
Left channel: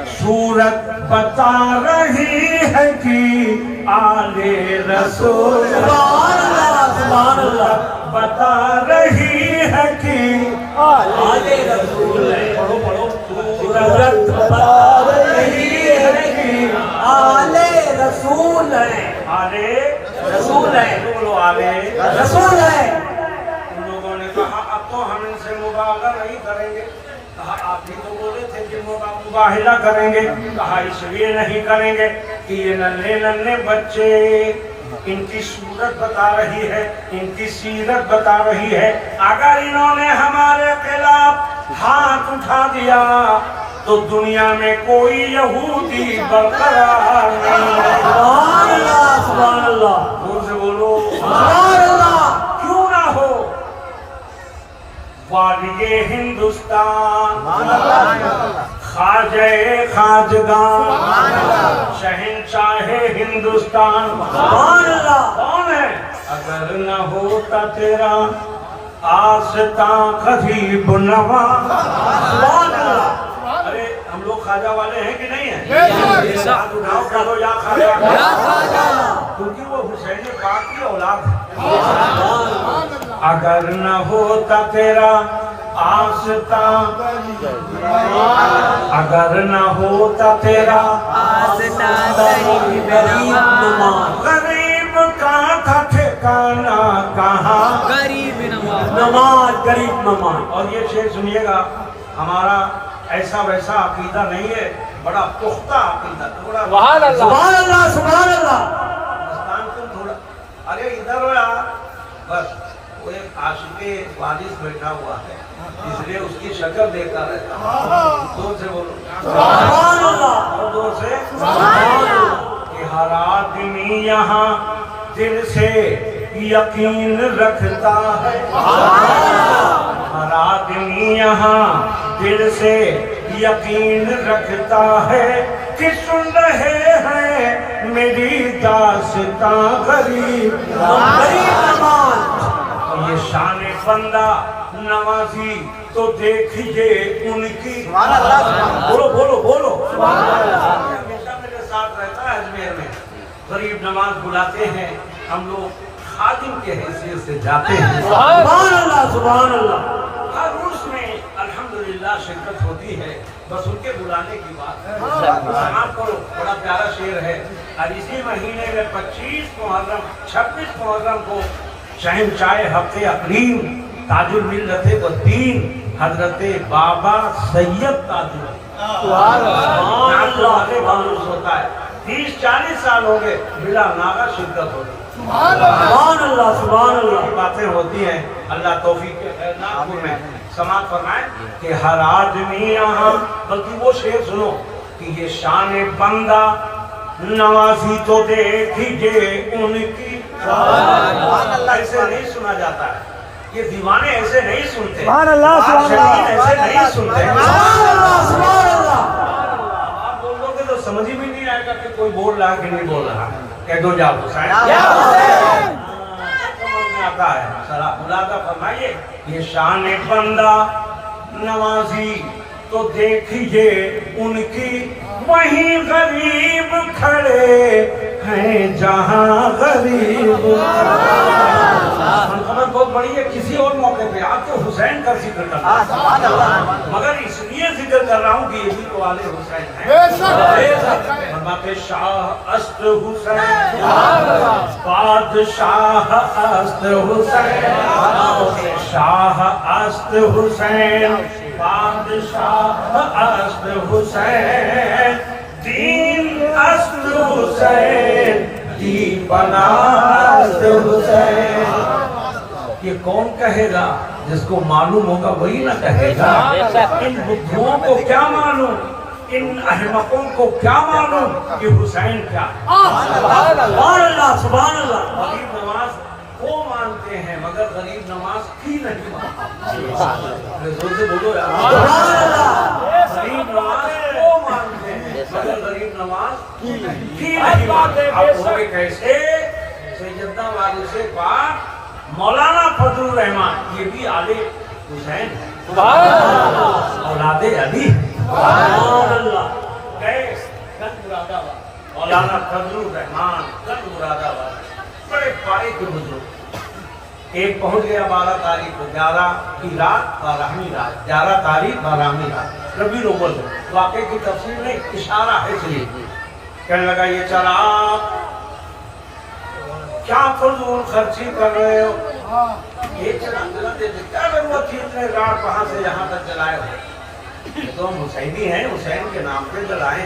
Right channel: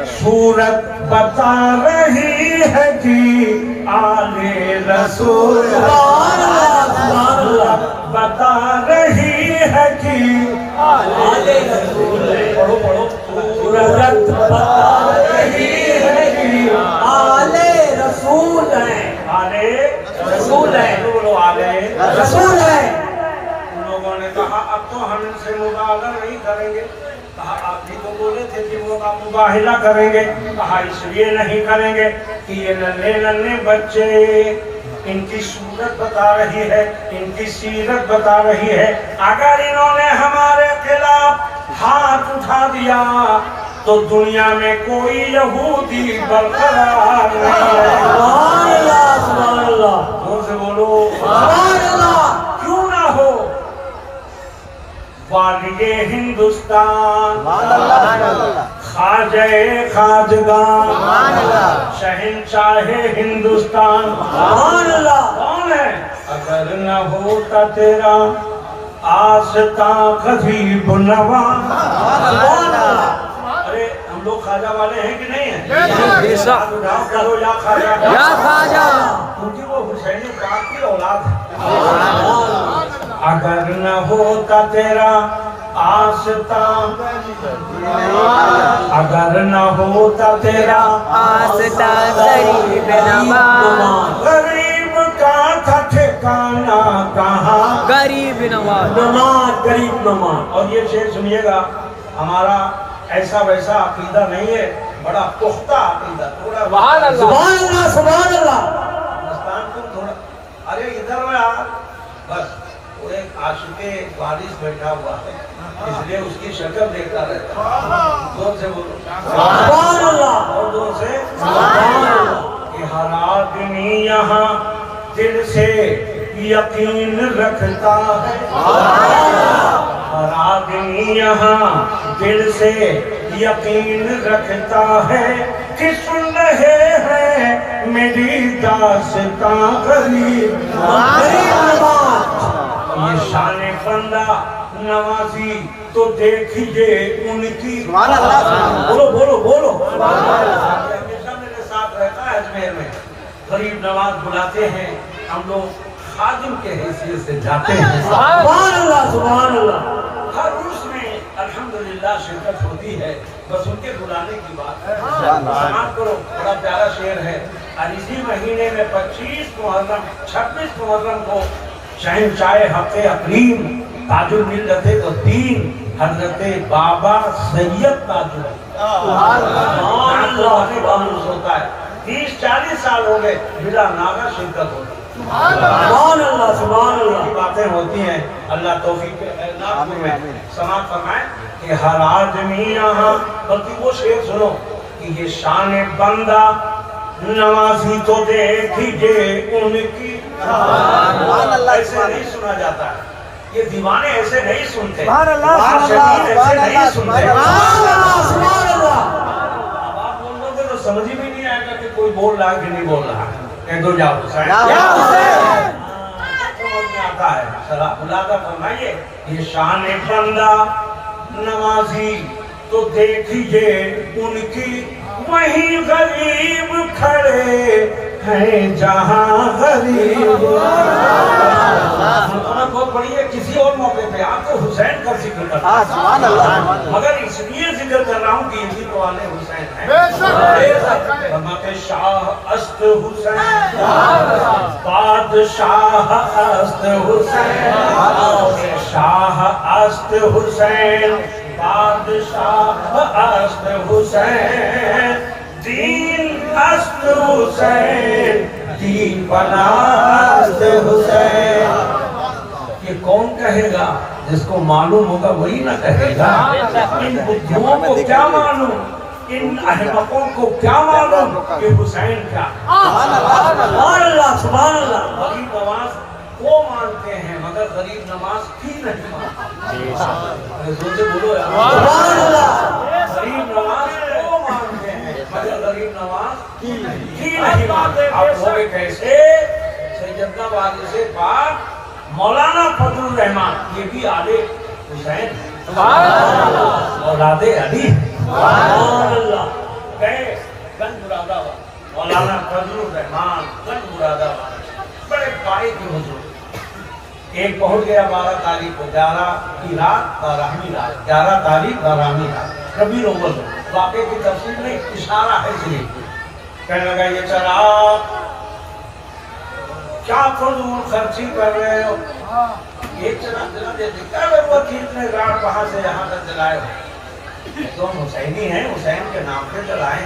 सूरत बता रही है कि आले रसूल बता रही है कि आले रसूल है। पढ़ो पढ़ो। सूरत बता रही है कि आले रसूल है। आले रसूल है। बोलो आले रसूल है। उन लोगों ने कहा अब तो हम इनसे मुबाहला नहीं करेंगे। कहा आप भी तो बोले थे कि वो आप मुबाहला करेंगे। कहा इसलिए नहीं करेंगे कि ये नन्हे नन्हे बच्चे, इनकी सूरत बता रही है, इनकी सीरत बता रही है। अगर इन्होंने हमारे खिलाफ हाथ उठा दिया तो दुनिया में कोई यहूदी बरकरार नहीं है। सुभान अल्लाह, सुभान अल्लाह। जोर से बोलो सुभान अल्लाह। क्यों ना हो? वालिए हिंदुस्तान, ख्वाजे खाजगान, शहंशाहे हिंदुस्तान, सुभान अल्लाह। कौन है? अगर न होता तेरा आस्था गरीब नवा। सुभान अल्लाह। अरे हम लोग खाजा वाले हैं कि नहीं है? हाथ उठाओ, करो या खाजा, या खाजा। क्योंकि वो हुसैनी पाक की औलाद है। अगर न होता तेरा आस्था, अगर न होता तेरा आस्था गरीब नवाज, गरीब का था ठिकाना कहाँ? गरीब नवाज, नमाज, गरीब नमाज। और ये शेर सुनिएगा, हमारा ऐसा वैसा अकीदा नहीं है, बड़ा पुख्ता अकीदा। थोड़ा सुभान अल्लाह, सुभान अल्लाह। मस्तान तुम थोड़ा, अरे इधर हो यार। बस वो एक आशिक़े वारिस बैठा हुआ है, इसलिए उसकी शक्ल देखता रहता है। जोर से बोलो सुभान अल्लाह। और जोर से सुभान अल्लाह। कि हर आदमी यहाँ दिल से यकीन रखता है। हर आदमी यहाँ दिल से यकीन रखता है कि सुन रहे हैं मेरी दास्तां गरीब नवाज। ये शान बंदा नवाजी तो देखिए उनकी। बोलो बोलो बोलो। हमेशा मेरे साथ रहता है अजमेर में। गरीब नवाज बुलाते हैं, हम लोग खादिम के हैसियत से जाते हैं। सुभान अल्लाह, सुभान अल्लाह। हर उर्स में अल्हम्दुलिल्लाह शिरकत होती है, बस उनके बुलाने की बात है। समाप्त करो। बड़ा प्यारा शेर है। और इसी महीने में 25 मुहर्रम 26 मुहर्रम को शहंशाह हक़ अक़लीम ताजुल मिल्लत व दीन हजरत बाबा सैयद ताजुल होता है। 30-40 साल हो गए बिला नागा शिरकत होती है। सुभान अल्लाह, सुभान अल्लाह। बातें होती हैं। अल्लाह तौफीक के नागपुर में समाप्त फरमाए कि हर आदमी यहाँ, बल्कि वो शेर सुनो कि ये शान बंदा नवाजी तो देखिए उनकी। ऐसे नहीं सुना जाता है, ये दीवाने ऐसे नहीं सुनते, सुभान अल्लाह, आशिकीन ऐसे नहीं सुनते। सुभान अल्लाह। अब आप बोल दोगे तो समझ ही भी नहीं आएगा कि कोई बोल रहा है कि नहीं बोल रहा है। कह दो जाओ हुसैन, समझ में आता है। जरा मुलादा फरमाइए, ये शान बंदा नवाजी तो देखिए उनकी, वहीं गरीब खड़े हैं जहां गरीब। मनकमत बहुत बड़ी है, किसी और मौके पे आप तो हुसैन का जिक्र करना, मगर इसलिए जिक्र कर रहा हूँ कि ये भी तो वाले हुसैन हैं। के शाह अस्त हुसैन, बादशाह अस्त हुसैन, शाह अस्त हुसैन, बादशाह अस्त हुसैन, दीन अस्त हुसैन, दीन बना अस्त हुसैन। ये कौन कहेगा? जिसको मालूम होगा वही ना कहेगा। इन बुद्धुओं को क्या मालूम, इन अहमकों को क्या मालूम कि हुसैन क्या। सुभान अल्लाह, सुभान अल्लाह। गरीब नवाज को मानते हैं मगर गरीब नवाज की नहीं मानते। अरे जोर से बोलो यार, सुभान अल्लाह। गरीब नवाज को मानते हैं मगर गरीब नवाज की नहीं मानते। आप होंगे कैसे? सैयदना वारिस पाक मौलाना फजलुर रहमान, ये भी आले हुसैन, औलादे अली। सुभान अल्लाह। गए गंज मुरादाबाद, मौलाना फजलुर रहमान गंज मुरादाबाद, बड़े पाए के बुजुर्ग। एक पहुंच गया 12 तारीख को, 11 की रात 12वीं रात, 11 तारीख 12वीं रात, रबी अव्वल। वाक़े की तफसीर में एक इशारा है इसलिए। कहने लगा, ये चला क्या फजूल खर्ची कर रहे हो, ये चराग जला देते, क्या जरूरत थी इतने गाड़ वहां से यहाँ तक जलाए हो? तो हम हुसैनी हैं, हुसैन के नाम पे जलाए।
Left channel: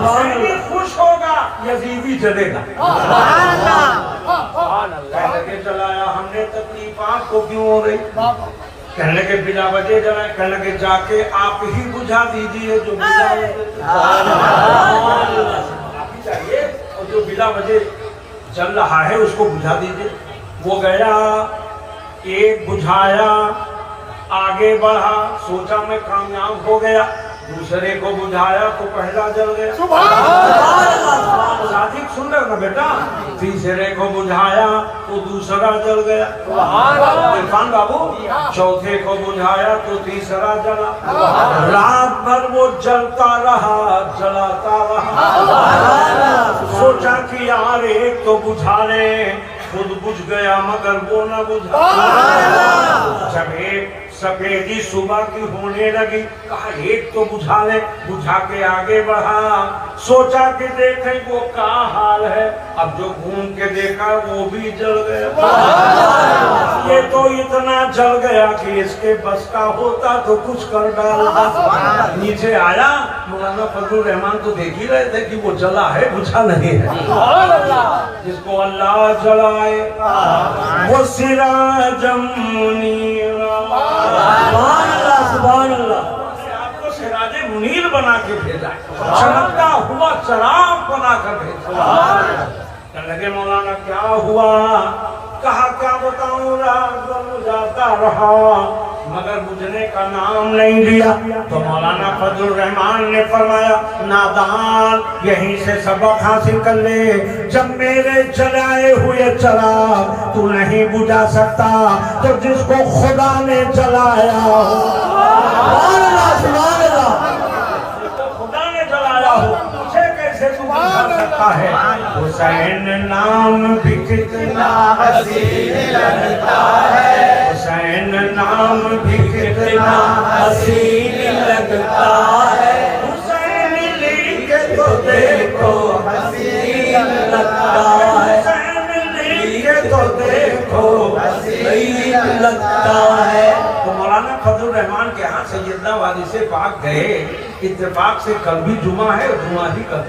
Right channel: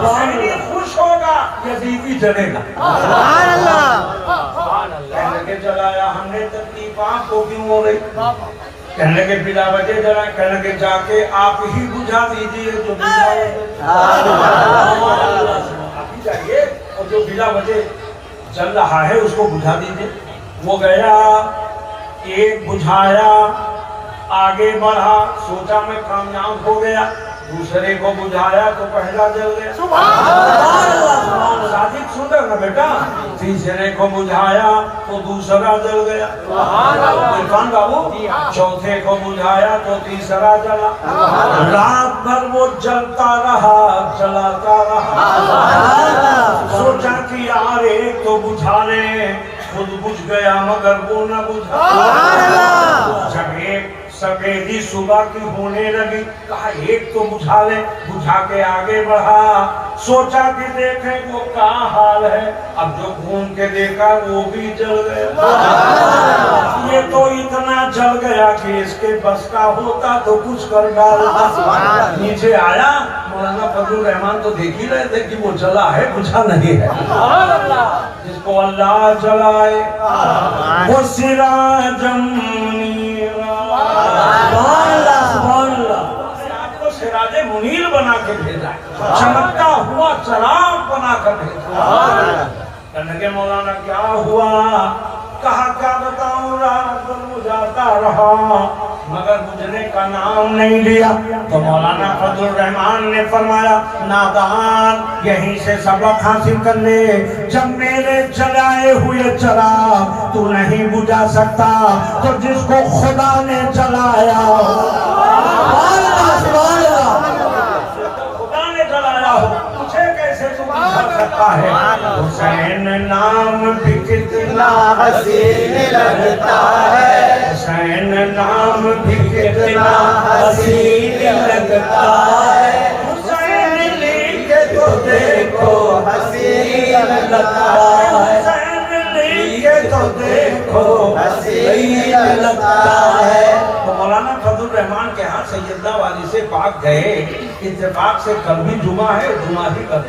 हुसैनी खुश होगा, यजीदी जलेगा। कहने लगे जलाया हमने तकलीफात को क्यों हो रही? कहने लगे बिला वजह जलाए। कहने लगे जाके आप ही बुझा दीजिए जो बिला आप ही चाहिए, और जो बिला वजह जल रहा है उसको बुझा दीजिए। वो गया, एक बुझाया, आगे बढ़ा, सोचा मैं कामयाब हो गया, दूसरे को बुझाया तो पहला जल गया। शादी सुन रहे हो ना बेटा? तीसरे को बुझाया तो दूसरा जल गया। इरफान बाबू, चौथे को बुझाया तो तीसरा जला। रात भर वो जलता रहा, जलाता रहा। सोचा कि यार एक तो बुझा ले, खुद बुझ गया मगर वो न बुझा। जब एक सफेदी सुबह की होने लगी, कहा एक तो बुझा ले, बुझा के आगे बढ़ा, सोचा कि देखें वो क्या हाल है। अब जो घूम के देखा वो भी जल गया। ये तो इतना जल गया कि इसके बस का होता तो कुछ कर डालता। नीचे आया, मौलाना फजलुर रहमान तो देख ही रहे थे कि वो जला है, बुझा नहीं है। जिसको अल्लाह जलाए वो सिराजम मुनीरा। सुभान अल्लाह, सुभान अल्लाह। आपको सिराजे मुनीर बना के भेजा, चमकता हुआ चराग बना कर भेजा। कहने लगे मौलाना क्या हुआ? कहा क्या बताऊं, रात भर जाता रहा मगर बुझने का नाम नहीं लिया। तो मौलाना फजलुर रहमान ने फरमाया, नादान यहीं से सबक हासिल कर ले। जब मेरे जलाए हुए चराग तू नहीं बुझा सकता तो जिसको खुदा ने जलाया, खुदा ने जलाया हो, मुझे कैसे तू बुझा सकता है? हुसैन नाम भी कितना हसीन लगता है, हुसैन नाम भी कितना हसीन लगता है। हुसैन लिखे तो देखो हसीन लगता है, हुसैन लिखे तो देखो हसीन लगता है। तो मौलाना फजलुर रहमान के यहाँ सैयदना वारिस पाक गए, इत्तेफाक से कल भी जुमा है, जुमा ही कर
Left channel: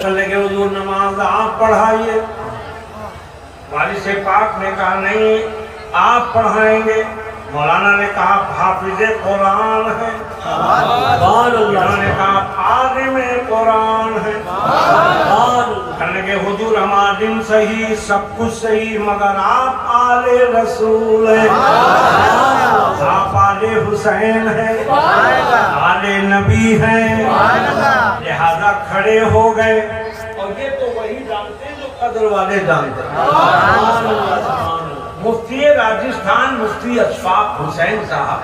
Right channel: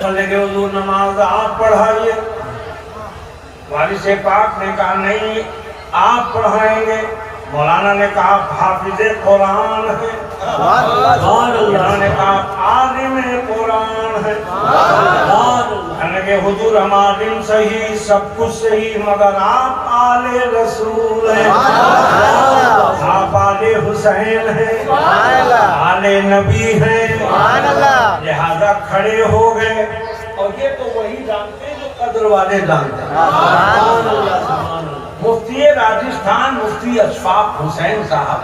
कल लगे हुजूर नमाज आप पढ़ाइए। वारिस पाक ने कहा नहीं आप पढ़ाएंगे। मौलाना ने कहा हाफिज़े कुरान है, मौलाना ने कहा आलिम कुरान है। कहने के हुजूर हमारा दिन सही, सब कुछ सही, मगर आप आले रसूल हैं, आप आले हुसैन हैं, आले नबी हैं, लिहाजा खड़े हो गए। और ये तो वही जानते हैं जो कदर वाले जानते हैं। मुफ्ती राजस्थान मुफ्ती अशफाक हुसैन साहब,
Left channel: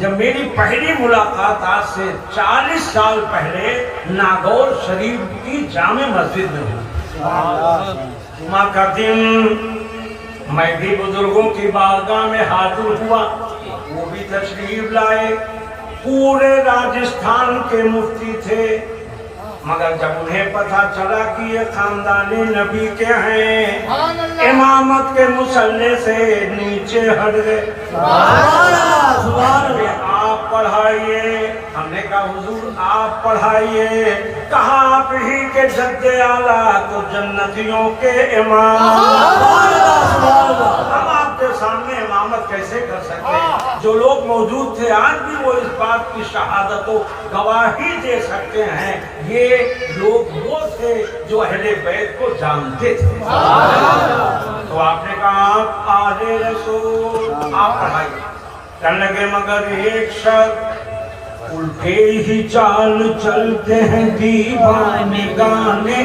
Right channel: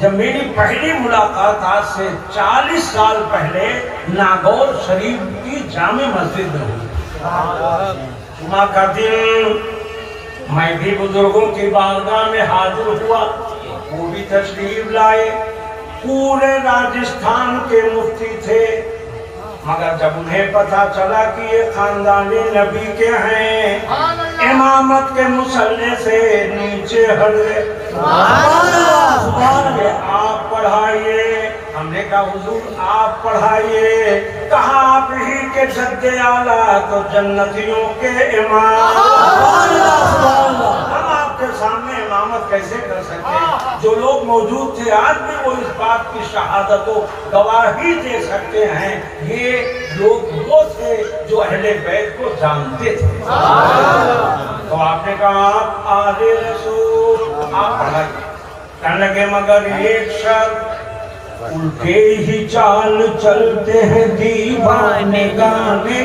जब मेरी पहली मुलाकात आज से 40 साल पहले नागौर शरीफ की जामे मस्जिद में हुई। जुमा का दिन मैं भी बुजुर्गों की बारगाह में हाजिर हुआ, वो भी तशरीफ लाए। पूरे राजस्थान के मुफ्ती थे, मगर जब उन्हें पता चला कि ये खानदानी नबी के हैं, इमामत के मुसल्ले से नीचे हट गए। आप पढ़ाइए, हमने कहा हुजूर आप पढ़ाइए। कहा आप ही के जद्दे आला तो जन्नतियों के इमाम, हम आपके सामने इमामत कैसे कर सकते हैं? जो लोग मौजूद थे आज भी वो इस बात की शहादतों गवाही दे सकते हैं, ये लोग वो थे जो अहले बैत को जानते थे। तो आपने कहा आप आले रसूल, आप पढ़ाइए। कहने लगे मगर एक शर्त, उल्टे ही चाल चलते हैं दीवाने गाने,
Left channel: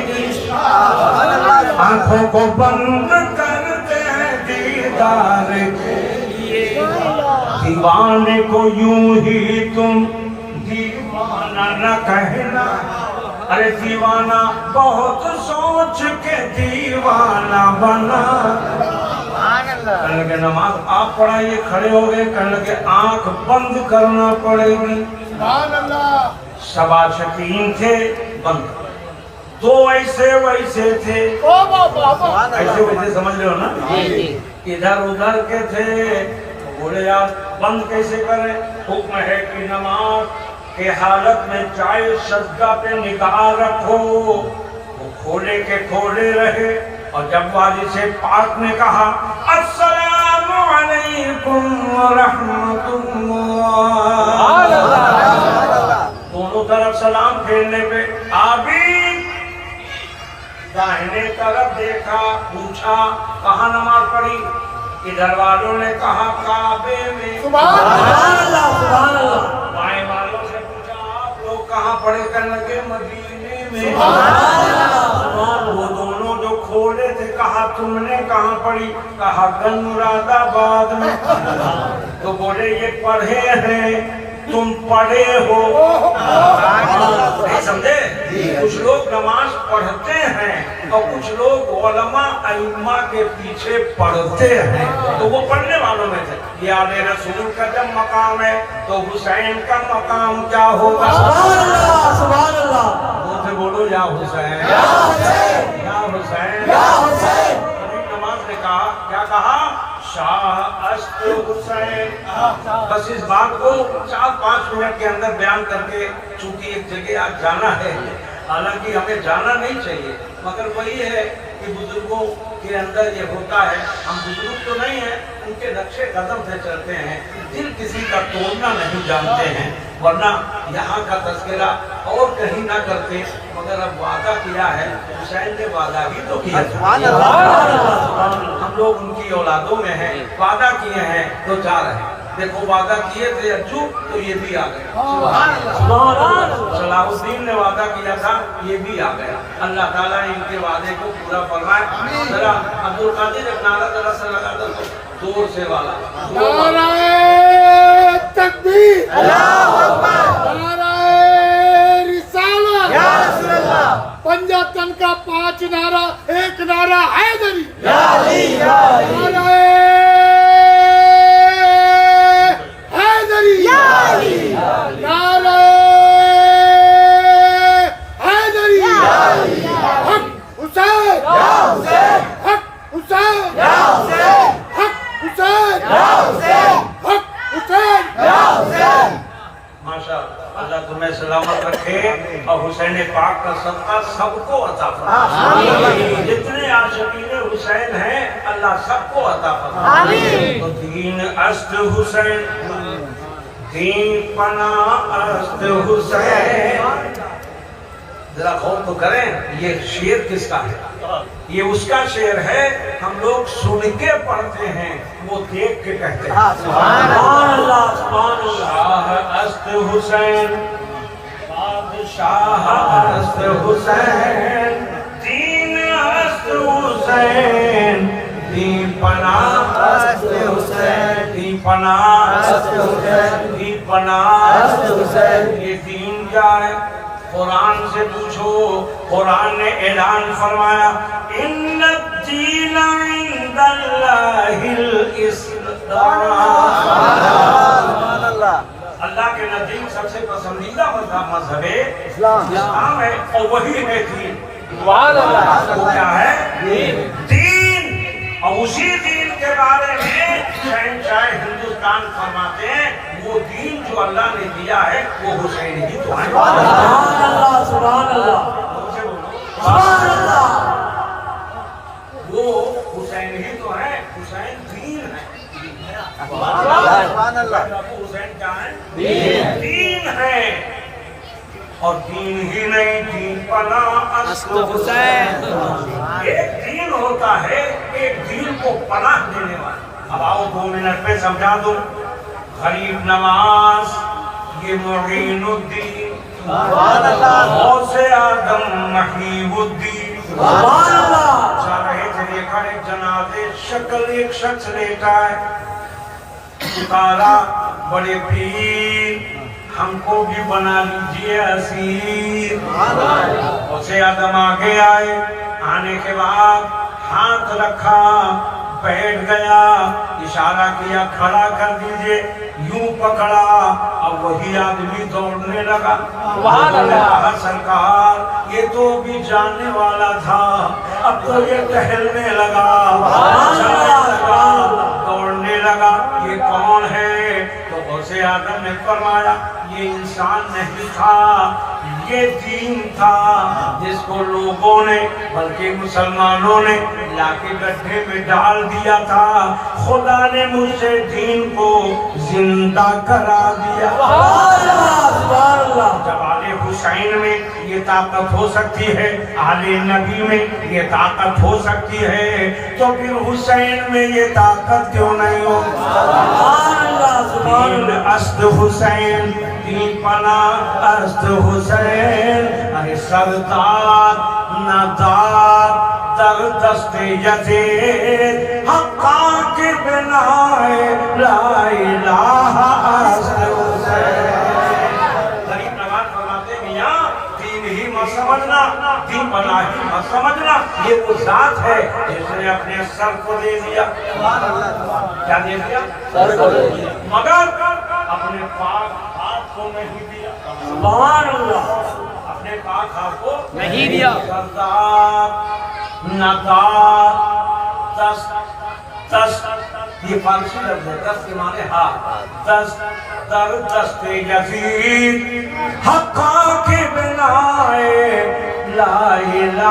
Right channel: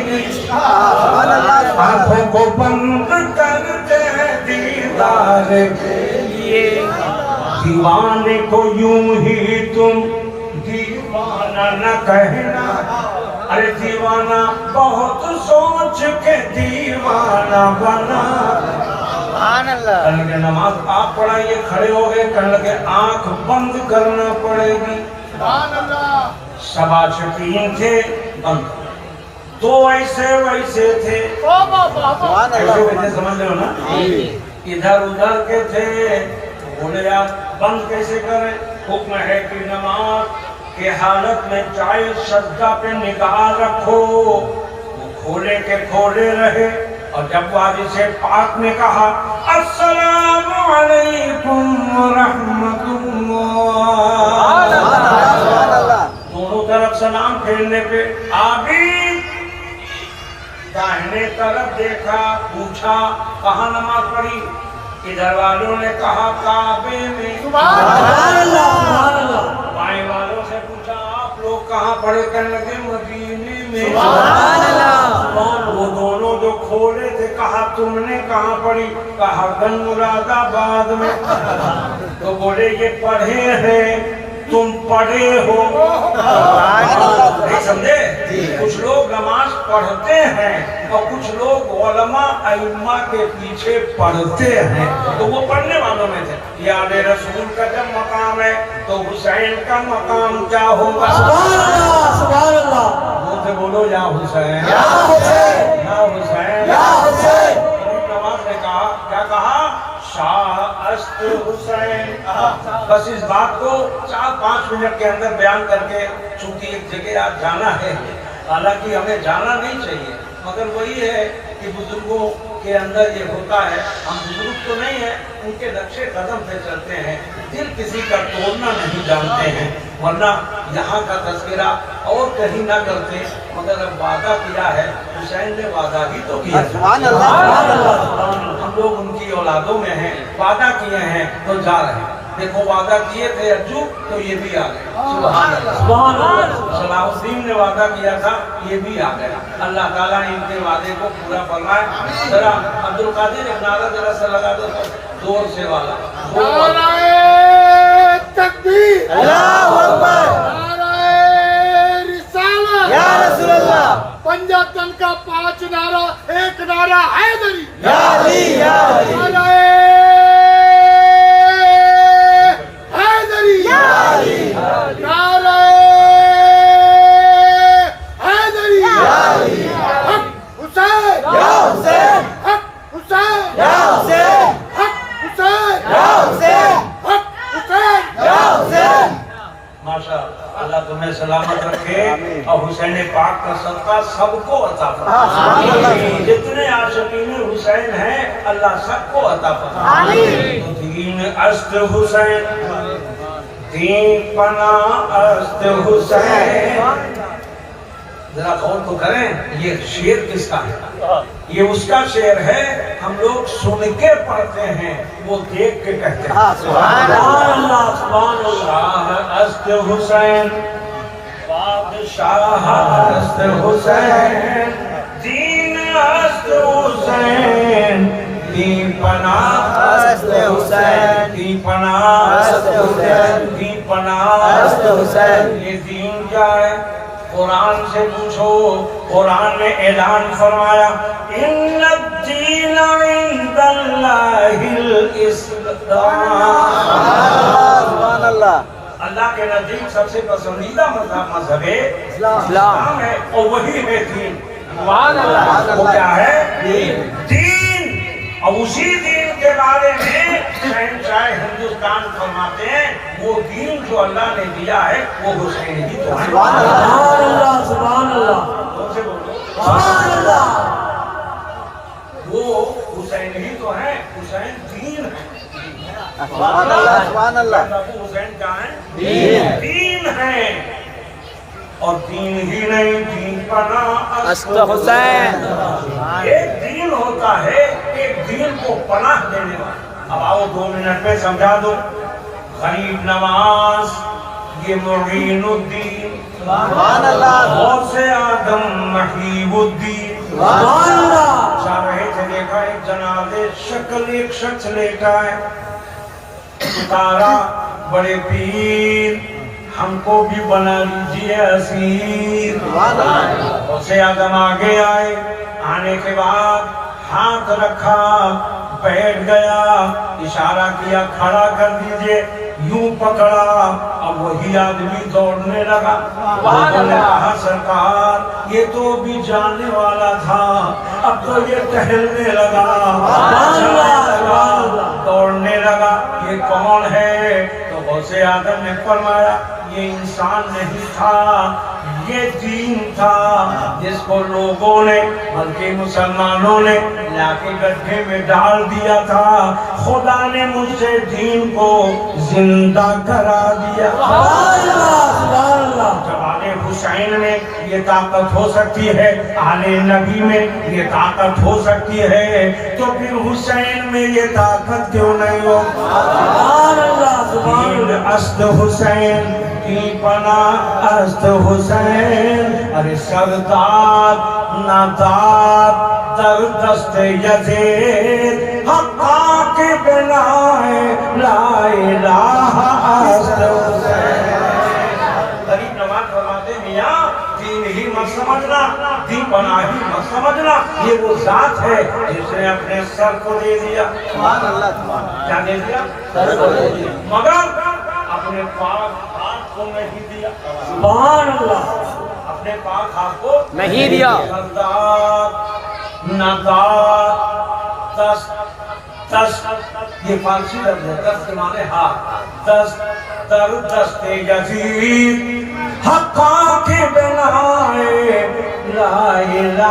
आंखों को बंद करते हैं दीदार के लिए, दीवाने को यूं ही तुम दीवाना न कहना, अरे दीवाना बहुत सोच के दीवाना बना। कहने लगे नमाज आप पढ़ाइए, खड़े हो गए। कहने लगे आंख बंद करना पड़ेगी। सब आशिकीन थे, बंद। तो ऐसे वैसे थे, ऐसे वैसे समझ रहे हो ना, इधर उधर के थे। बोले यार बंद कैसे करें? हुक्म है कि नमाज के हालत में चाहे सज्जा पे निगाह रखो। वो खोले के खोले रहे, और जब वाली से पाक ने कहा अस्सलामु अलैकुम रहमतुल्लाह, दोनों तरफ सलाम फेरने पे आबी दाहिने तरफ देखा, पूछा कहाँ नमाज पढ़ी? इधर वालों ने कहा काबे में। बाएं वालों से पूछा आप लोग कहाँ पढ़े? करने लगे मदीने में। वो दोनों जो खोले थे, कहा तुमने कहाँ पढ़ी? कहा मुरादाबाद में। तो बोले ये पढ़े हैं, तुम पढ़े हो, नहीं समझे? कुछ लोग नमाज पढ़ते हैं और कुछ लोग उलमा अइम्मा के पीछे पढ़ते हैं, तो वो पढ़ने वालों में थे। ये आले रसूल का जब मकाम है तो हुसैन का मकाम क्या होगा? सुभान अल्लाह, सुभान अल्लाह। मुंह से बोलो या हुसैन, या हुसैन, या हुसैन, या हुसैन। नमाज ने कहा, क्या कहा? शाह अस्त हुसैन। बस इस बात को 4-5 मिनट के अंदर बयान करके, चूंकि एक जगह आज जाना है, हालांकि हमें जाना नहीं चाहिए, मगर वही है कि बुजुर्गों के अंदर ये होता है। हम बुजुर्ग तो नहीं है, उनके नक्शे कदम से चलते हैं, दिल किसी का तोड़ना नहीं जानते हैं, वरना यहाँ का तस्करा और कहीं ना करते। मगर अब वादा किया है, हुसैन ने वादा ही तो किया। हम लोग उनकी औलादों में हैं, वादा किए हैं तो जा रहे हैं। देखो वादा किए थे अज्जू, तो ये भी आ गए। सलाहुद्दीन ने वादा किया था, ये भी आ गया। अल्लाह ताला ने इनके वादे को पूरा फरमाए। जरा अब्दुल कादिर एक नारा जरा सा लगा दो, जोर से वाला, जोर वाला। तकबीर, पंजातन का 5 नारा, एक नारा हैदरी, हैदरी, नारा हैदरी, हक हुसैन, हक हुसैन, हक हुसैन, हक हुसैन। माशा अल्लाह तुम्हें सलामत रखे और हुसैन पाक का सदका सबको अता फरमाए। जितने आशिकीन हुसैन हैं अल्लाह सबको अता फरमाए। तो दीन अस्त हुसैन, दीन पना अस्त हुसैन, ذرا غور تو کریں یہ شعر کس کا ہے؟ یہ اس کا شعر ہے، ہم لوگ سن کے پڑھتے ہیں، وہ دیکھ کے کہتے ہیں۔ سبحان اللہ سبحان اللہ۔ شاہ است حسین بادشاہ است حسین دین است حسین دین پناہ است حسین دین پناہ است حسین دین پناہ است حسین۔ یہ دین کیا ہے؟ قرآن سے پوچھو، قرآن نے اعلان فرمایا ان الدین عند اللہ الاسلام۔ اللہ کے نزدیک سب سے پسندیدہ مذہب اسلام ہے، اور وہی ہے دین۔ وہ کیا ہے؟ دین۔ اور اسی دین کے بارے میں شہنشاہ ہندوستان فرماتے ہیں وہ دین جو اللہ نے دیا ہے وہ حسین ہی تو ہے۔ سبحان اللہ سبحان اللہ سبحان اللہ۔ وہ حسین ہی تو ہے، حسین دین ہے۔ سبحان اللہ۔ حسین کیا ہے؟ دین ہے۔ اور دین ہی نہیں، دین پناہ است حسین۔ ایک دین ہوتا ہے، ایک دین کو پناہ دینے والا۔ اب آؤ 2 منٹ پہ سمجھا دو۔ غریب نواز یہ معین الدین، غوث اعظم محیب الدین۔ چاہ رہے تھے، دیکھا ایک جنازے شکل ایک شخص لیٹا ہے، اتارا بڑے پیر ہم کو بھی بنا لیجیے اسیر۔ غوث اعظم آگے آئے، آنے کے بعد ہاتھ رکھا، بیٹھ گیا، اشارہ کیا کھڑا کر دیجئے، یوں پکڑا، اب وہی آدمی دوڑنے لگا۔ لوگوں نے کہا سرکار یہ تو بھی جاننے والا تھا، اب تو یہ ٹہلنے لگا، دوڑنے لگا، یہ کون ہے؟ تو غوث اعظم نے فرمایا یہ انسان نہیں تھا، یہ دین تھا جس کو لوگوں نے بلکہ مسلمانوں نے لا کے گڈھے میں ڈال دیا تھا، خدا نے مجھ سے دین کو زندہ کرا دیا۔ جب آل حسین میں یہ طاقت ہو سکتی ہے، آل نبی میں یہ طاقت ہو سکتی ہے، تو پھر حسین میں یہ طاقت کیوں نہیں ہو؟ دین است حسین دین پناہ است حسین۔ ارے سردار ناداب در دست یزید حقا کے بنائے لا الہ است حسین۔ غریب نواز فرماتے میاں دین ہی مت سمجھنا، دین پناہ ہی مت سمجھنا، یہ وہ ذات ہے جس نے اپنے سر کو دے دیا۔ کیا دے دیا؟ مگر اپنے پاک ہاتھ کو نہیں دیا۔ سبحان اللہ۔ اپنے پاک ہاتھ کو نہیں دیا۔ سردار نادار دست دست، یہ فارسی لفظ ہے، دست کے معنی ہاتھ، دست در دست یزید حقا کے بنائے لا الہ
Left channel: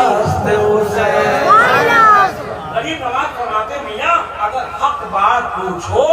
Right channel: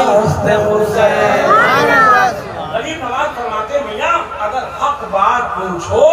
است حسین۔ غریب نواز فرماتے میاں اگر حق بات پوچھو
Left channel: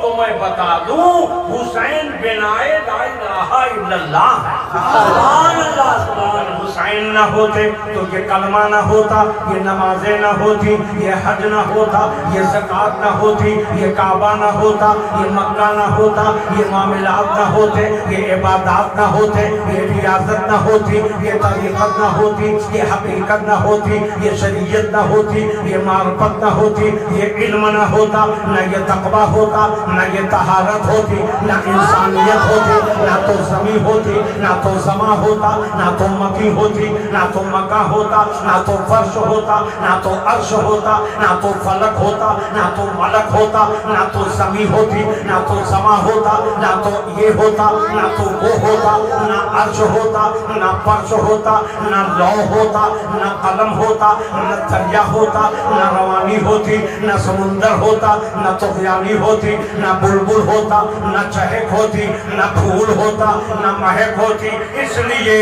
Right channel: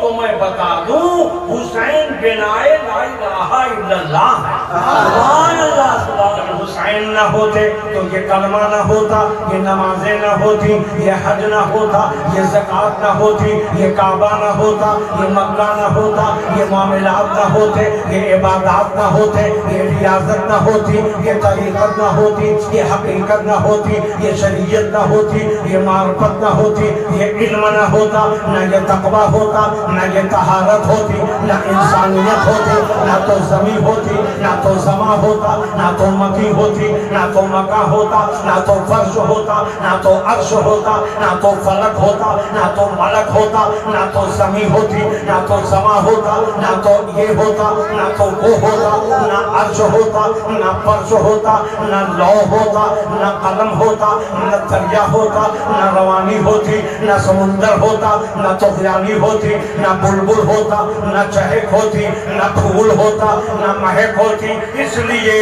تو میں بتا دوں حسین بنائے لا الہ الا اللہ ہے۔ سبحان اللہ سبحان۔ حسین نہ ہوتے تو یہ کلمہ نہ ہوتا، یہ نمازیں نہ ہوتی، یہ حج نہ ہوتا، یہ زکوٰۃ نہ ہوتی، یہ کعبہ نہ ہوتا، یہ مکہ نہ ہوتا، یہ معاملات نہ ہوتے، یہ عبادات نہ ہوتے، یہ ریاضت نہ ہوتی، یہ طریقت نہ ہوتی، یہ حقیقت نہ ہوتی، یہ شریعت نہ ہوتی، یہ معرفت نہ ہوتی، یہ علم نہ ہوتا، نہ یہ تقویٰ ہوتا، نہ یہ طہارت ہوتی، نہ انسانیت ہوتی، نہ تو زمین ہوتی، نہ تو زماں ہوتا، نہ تو مکی ہوتی، نہ تو مکہ ہوتا، نہ تو فرش ہوتا، نہ تو عرش ہوتا، نہ تو فلک ہوتا، نہ تو ملک ہوتا، نہ تو زمین ہوتی، نہ تو زماں ہوتا، نہ تو یہ ہوتا، نہ تو وہ ہوتا، نہ عرش ہوتا، نہ فرش ہوتا، نہ لوح ہوتا، نہ قلم ہوتا، نہ دریا ہوتا، نہ روانی ہوتی، نہ سمندر ہوتا، نہ طغیانی ہوتی، نہ بلبل ہوتا، نہ چہک ہوتی، نہ پھول ہوتا، نہ مہک ہوتی۔ اس لیے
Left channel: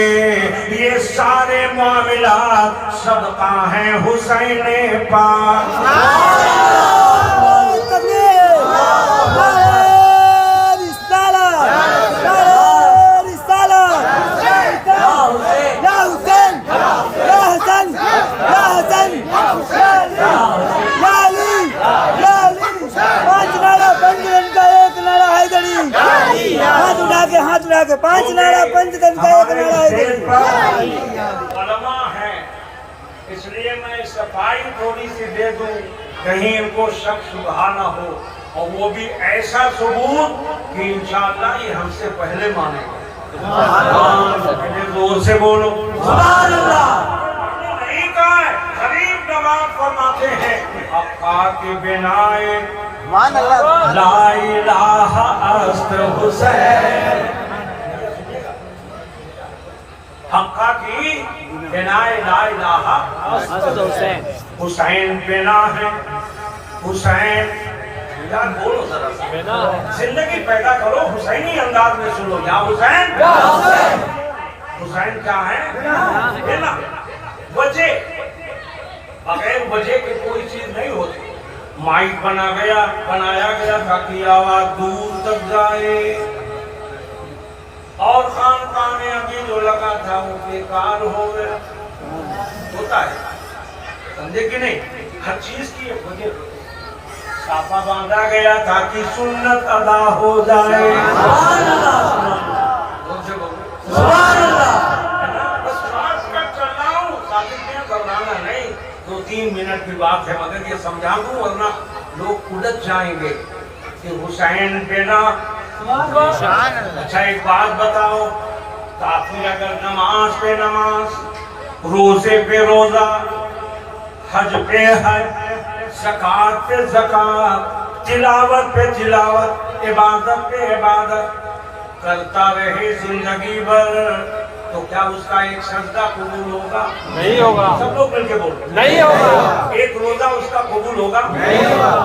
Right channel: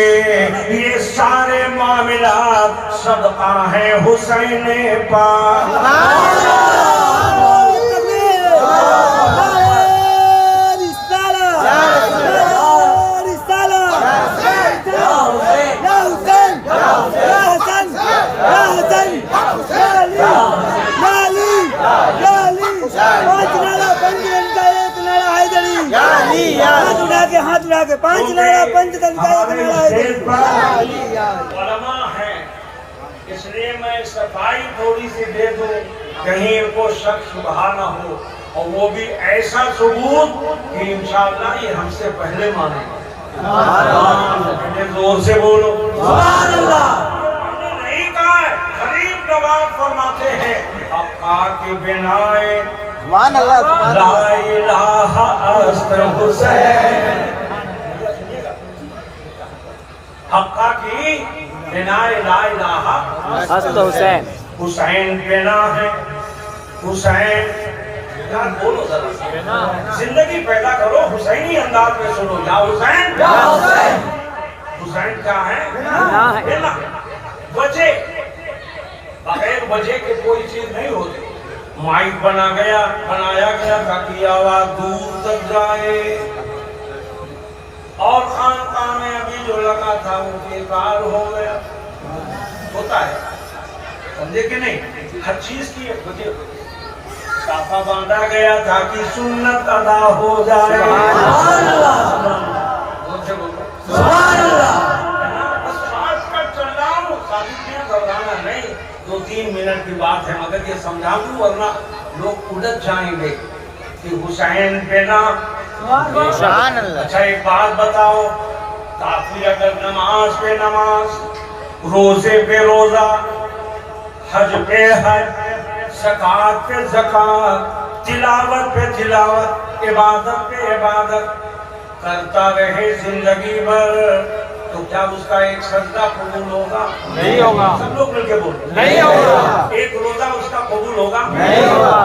یہ سارے معاملات صدقہ ہیں حسین پاک۔ हाथ उड़ा के 5 नारा पंचतन का एक हमारे नारा स्टेज है। पर उलमा है, इसलिए मैं सफाई थोड़ी सी दे दूं, कहीं इनको शक शुबहा ना हो, और वो भी ऐसा सबूत कि इंशाअल्लाह ये हमसे पहले मानेगा। पहले जोर से बोलो सुभान अल्लाह। नहीं कहा है, गरीब नवाज फरमाते हैं हक्का के बिनाए ला इलाहा अस्त हुसैन। हक्का की बिनाए ला इलाहा हस्त हुसैन। हुसैन बिना है, हुसैन यार बोलो जरा, जिंदगी पैदा करो, हुसैनी अंदाज में सुनो। या हुसैन, हुसैन क्या है? बिना वजह, बगैर वजह के कोई चीज नहीं होती। माइक बनाया गया ताकि आवाज दूर तक जाए, और खानकाह में अभी जो लगा था वो बेकार हो गया। होता है, समझे कि नहीं? हर चीज की एक वजह। साफा बांधा गया ताकि सुन्नत अदा हो जाए। सुभान अल्लाह, सुभान अल्लाह। बस शॉर्टकट चल रहा हूँ, साबित घबराना नहीं, 2-3 मिनट की बात है, मगर ये समझा दूं वरना लोग उलझ जाएंगे कि हुसैन पे ना। अच्छा एक बात बताओ, काफी अगर नमाज पे नमाज, रोजे पे रोजा, हज पे हज, ज़कात पे ज़कात, तिलावत पे तिलावत, इबादत पे इबादत करता रहे जिंदगी भर, तो क्या उसका एक सजदा कबूल होगा? नहीं होगा। सब लोग मिलकर बोलो नहीं होगा। एक रोजा उसका कबूल होगा? नहीं होगा।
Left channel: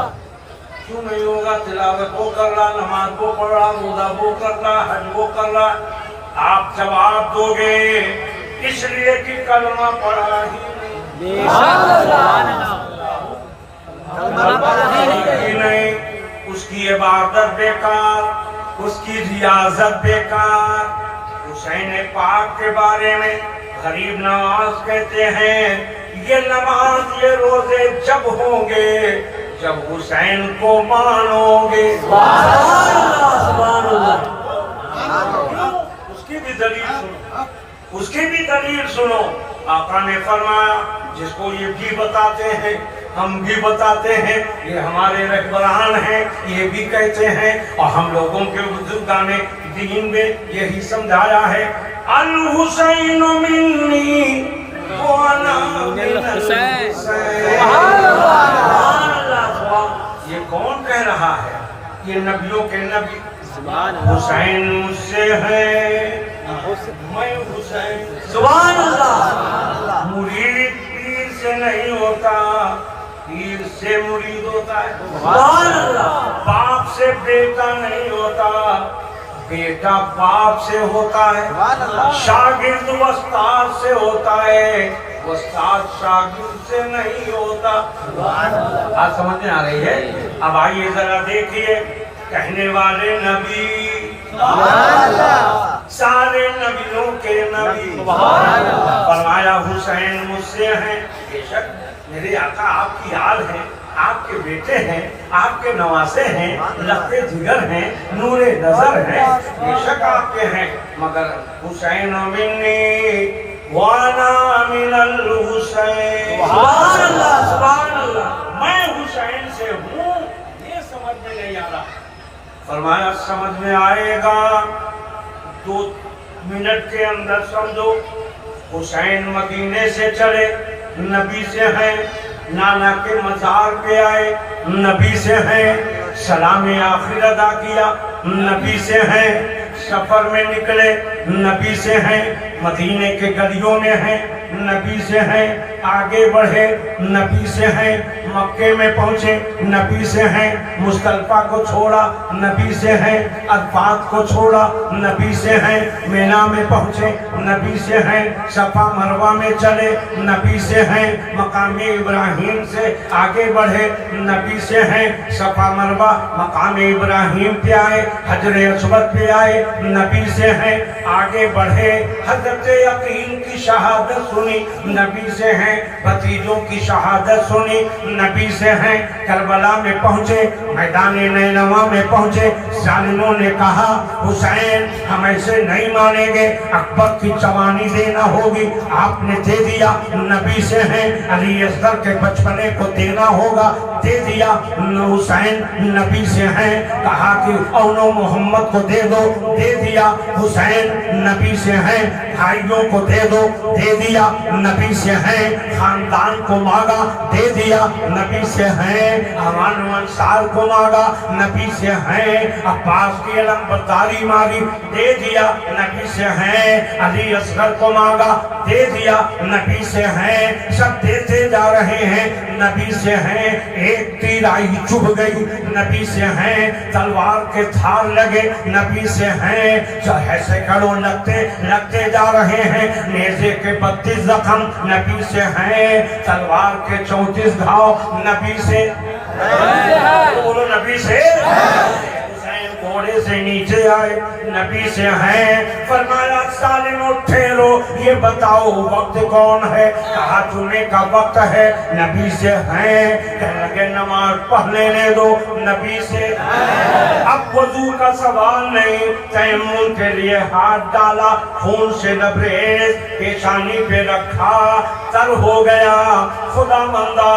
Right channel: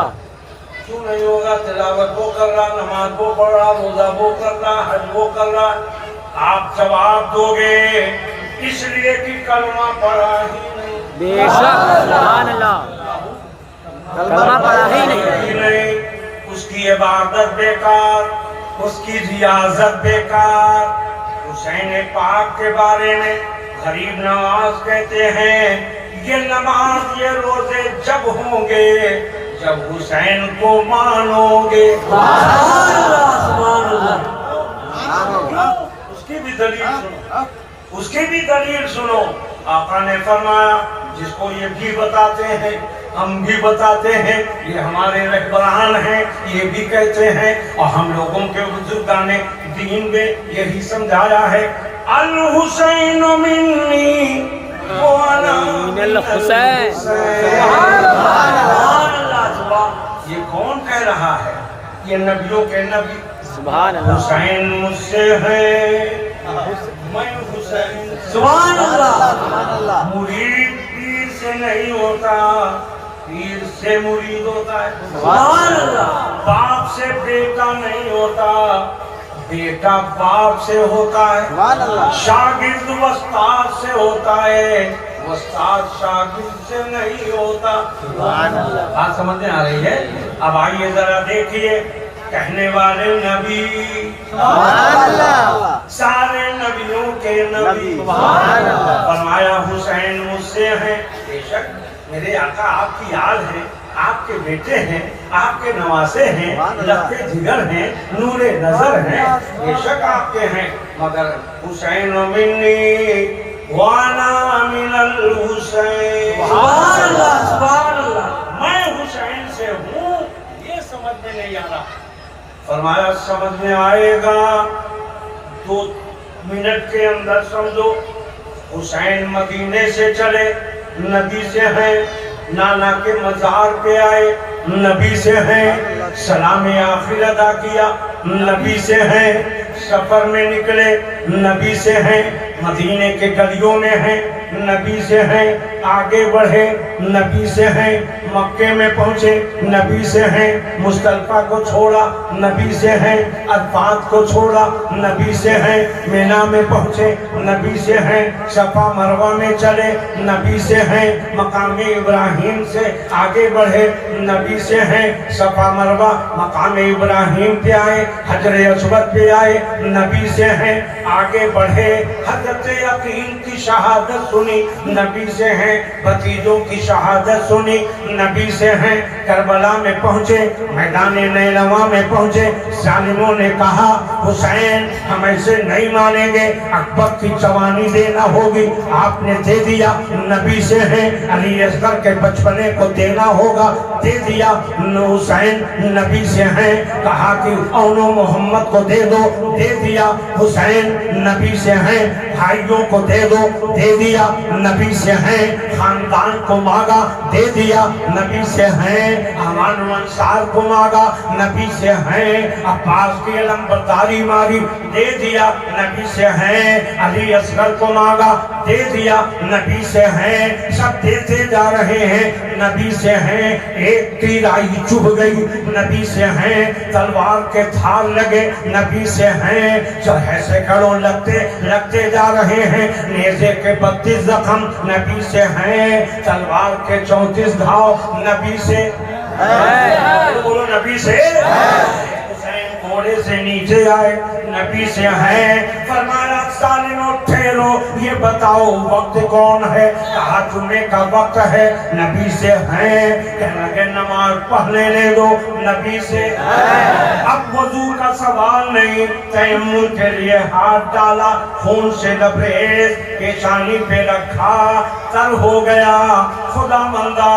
क्यों नहीं होगा? तिलावत वो कर रहा, नमाज वो पढ़ रहा, रोजा वो कर रहा, हज वो कर रहा। आप जवाब दोगे इसलिए कि कलमा पढ़ा ही नहीं। बेशक, सुभान अल्लाह, कलमा पढ़ा ही नहीं। उसकी इबादत बेकार, उसकी रियाजत बेकार। हुसैन पाक के बारे में गरीब नवाज कहते हैं ये नमाज ये रोजे जब होंगे जब हुसैन को मानोगे। सुभान अल्लाह, सुभान अल्लाह। उसकी भी दलील सुनो, उसकी भी दलील सुनो। आका ने फरमाया, जिसको ये भी बताते हैं हम भी बताते हैं, ये हमारे रहबरान हैं, ये भी कहते हैं, और हम लोगों के बुजुर्गाने दीन में यही समझाया है, अल हुसैन मिन्नी व अना मिनल हुसैन। सुभान अल्लाह, सुभान। ये कौन कह रहा है? ये नबियों के नबी। सुभान अल्लाह। हुसैन मुझसे है, मैं हुसैन। सुभान अल्लाह। मुरीद पीर से नहीं होता, पीर से मुरीद होता है। सुभान अल्लाह। बाप से बेटा नहीं होता, बेटा बाप से होता है। शागिर्द उस्ताद से होता है, उस्ताद शागिर्द से नहीं होता। बात समझ में आ रही है? अब आइए जरा देखिए, कहने वाले नबी सारे नबियों के नबी। फरमाया हुसैन मुझसे है। बेशक मेरे आका आपकी याद है, आपके बेटे हैं, आपके नवासे हैं, लफ्ते जिगर हैं, नूरे नजर हैं, बेशक आपके हैं, मगर हुसैन मिन्नी वाना मिनल हुसैन। सुभान अल्लाह, सुभान अल्लाह। मैं हुसैन से हूँ, ये समझ में नहीं आ रहा। फरमाया समझ में आएगा, 2 मिनट के अंदर समझो। हुसैन मदीने से चले, नबी से हैं, नाना के मजार पे आए, नबी से हैं, सलाम आखिर अदा किया, नबी से हैं, सफर में निकले, नबी से हैं, मदीने के गलियों में हैं, नबी से हैं, आगे बढ़े, नबी से हैं, मक्के में पहुंचे, नबी से हैं, मुस्तल्फा को छोड़ा, नबी से हैं, अरफात को छोड़ा, नबी से हैं, मीना में पहुंचे, नबी से हैं, सफा मरवा में चले, नबी से हैं, मकाम इब्राहिम से आगे बढ़े, नबी से हैं, सफा मरवा मकाम इब्राहिम पे आए, हजर अस्वद पे आए, नबी से हैं, आगे बढ़े, हजर हायत यकीन की शहादत सुनी, नबी से हैं। भतीजों की शहादत सुनी, नबी से हैं। करबला में पहुंचे, मैदान नैनवा में पहुंचे, जालिमों ने कहा हुसैन हम ऐसे नहीं मानेंगे, अकबर की जवानी देना होगी, आपने दे दिया। नबी से हैं, अली असगर के बचपने को देना होगा, दे दिया। हुसैन नबी से हैं, कहा कि औनो मोहम्मद को दे दो, दे दिया। हुसैन नबी से हैं, भाइयों को दे दो, दे दिया। नबी से हैं, खानदान को मांगा, दे दिया। नबी से हैं, अमान अंसार को मांगा, नबी से हैं। अब्बास की अलमबरदारी मांगी, दे दिया। नबी से हैं, अली असगर को मांगा, दे दिया। नबी से हैं, सब देते जा रहे हैं। नबी से हैं, एक तीर आई चुभ गई, नबी से हैं। तलवार के धार लगे, नबी से हैं। चाहे सैकड़ों लगते जा रहे हैं। नेज़े के 32 जख्म, नबी से हैं। तलवार के 34 घाव, नबी से बोलो नबी से। हुसैन घोड़े से नीचे आए, नबी से हैं। फरमाया सालिमों ठहरो, ये बताओ वक्त कौन है? कहा जुमे का वक्त है, नबी से हैं। कहने लगे नमाज पढ़ लेने दो, नबी से हैं। अब वजू का सवाल नहीं, तयम्मुम के लिए हाथ डाला, खून से लबरेज पेशानी पे रखा, तर हो गया। खुदावंदा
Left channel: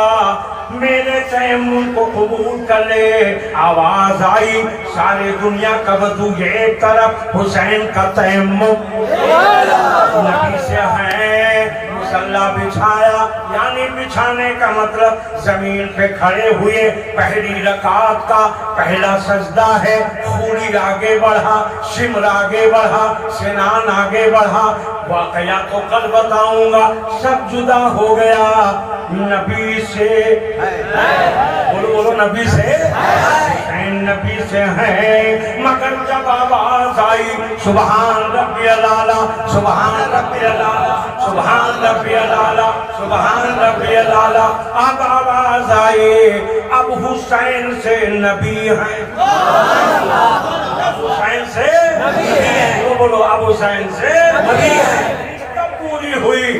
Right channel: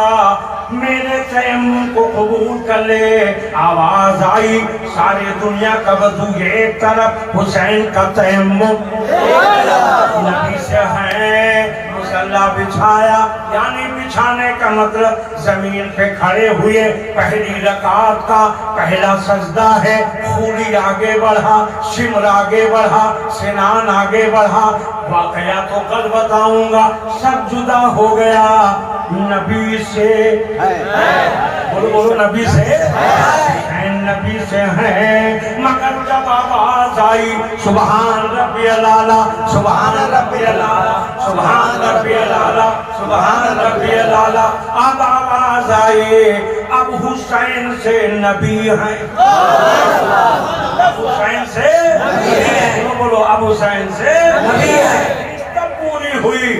मेरे तयम्मुम को कबूल कर ले। आवाज आई, सारी दुनिया का वजू एक तरफ, हुसैन का तयम्मुम नबी से है। मुसल्ला बिछाया, यानी बिछाने का मतलब जमीन पे खड़े हुए। पहली रकात का पहला सजदा है। खूली आगे बढ़ा, शिमर आगे बढ़ा, सिनान आगे बढ़ा। वाकया तो कल बताऊंगा, सब जुदा हो गया नबी से। बोलो बोलो नबी से। नबी से हैं, मगर जब आवाज आई सुबहान रब्बी अलाला, सुबहान रब्बी अलाला, सुबहान रब्बी अलाला, सुबहान रब्बी अलाला, अब आवाज आई अब हुसैन से नबी हैं। अब हुसैन से बोलो अब हुसैन से नबी हैं। पूरी हुई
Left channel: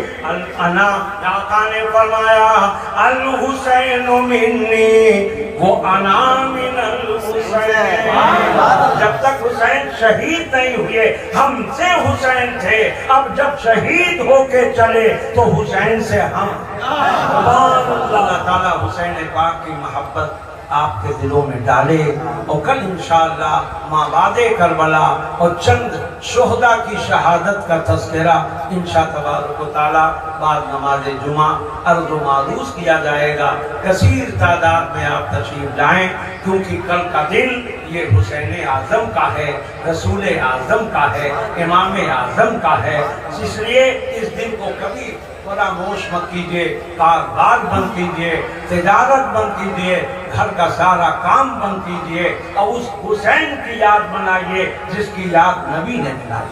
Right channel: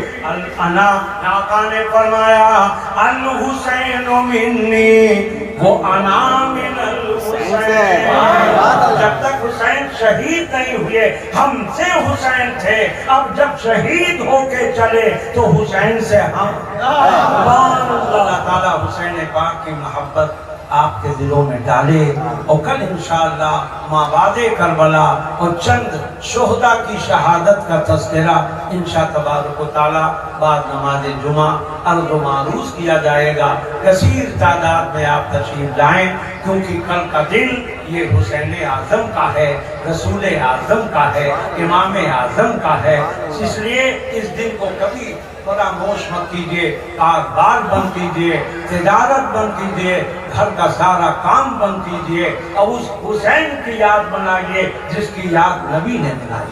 अना आका ने फरमाया अल हुसैन मिन्नी, वो अना मिनल हुसैन। जब तक हुसैन शहीद नहीं हुए हमसे हुसैन थे, अब जब शहीद होके चले तो हुसैन से हम। अल्लाह ताला हुसैन पाक की मोहब्बत आपके दिलों में डाले और कल इंशाअल्लाह माबादे करबला और चंद शोहदा की शहादत का तज़किरा इंशाअल्लाह तबारक व तआला बाद नमाज जुमा अर्ज़ व मारूज़ किया जाएगा। कसीर तादाद में आप तशरीफ लाएं, क्योंकि कल का दिन ये हुसैन आज़म का है, रसूल आज़म का है, इमाम आज़म का है। इसलिए इस दिन को कभी फरामोश मत कीजिए। कारोबार बंद कीजिए, तिजारत बंद कीजिए, घर का सारा काम बंद कीजिए और उस हुसैन की याद बनाइए जिसकी याद नबी ने दिलाई।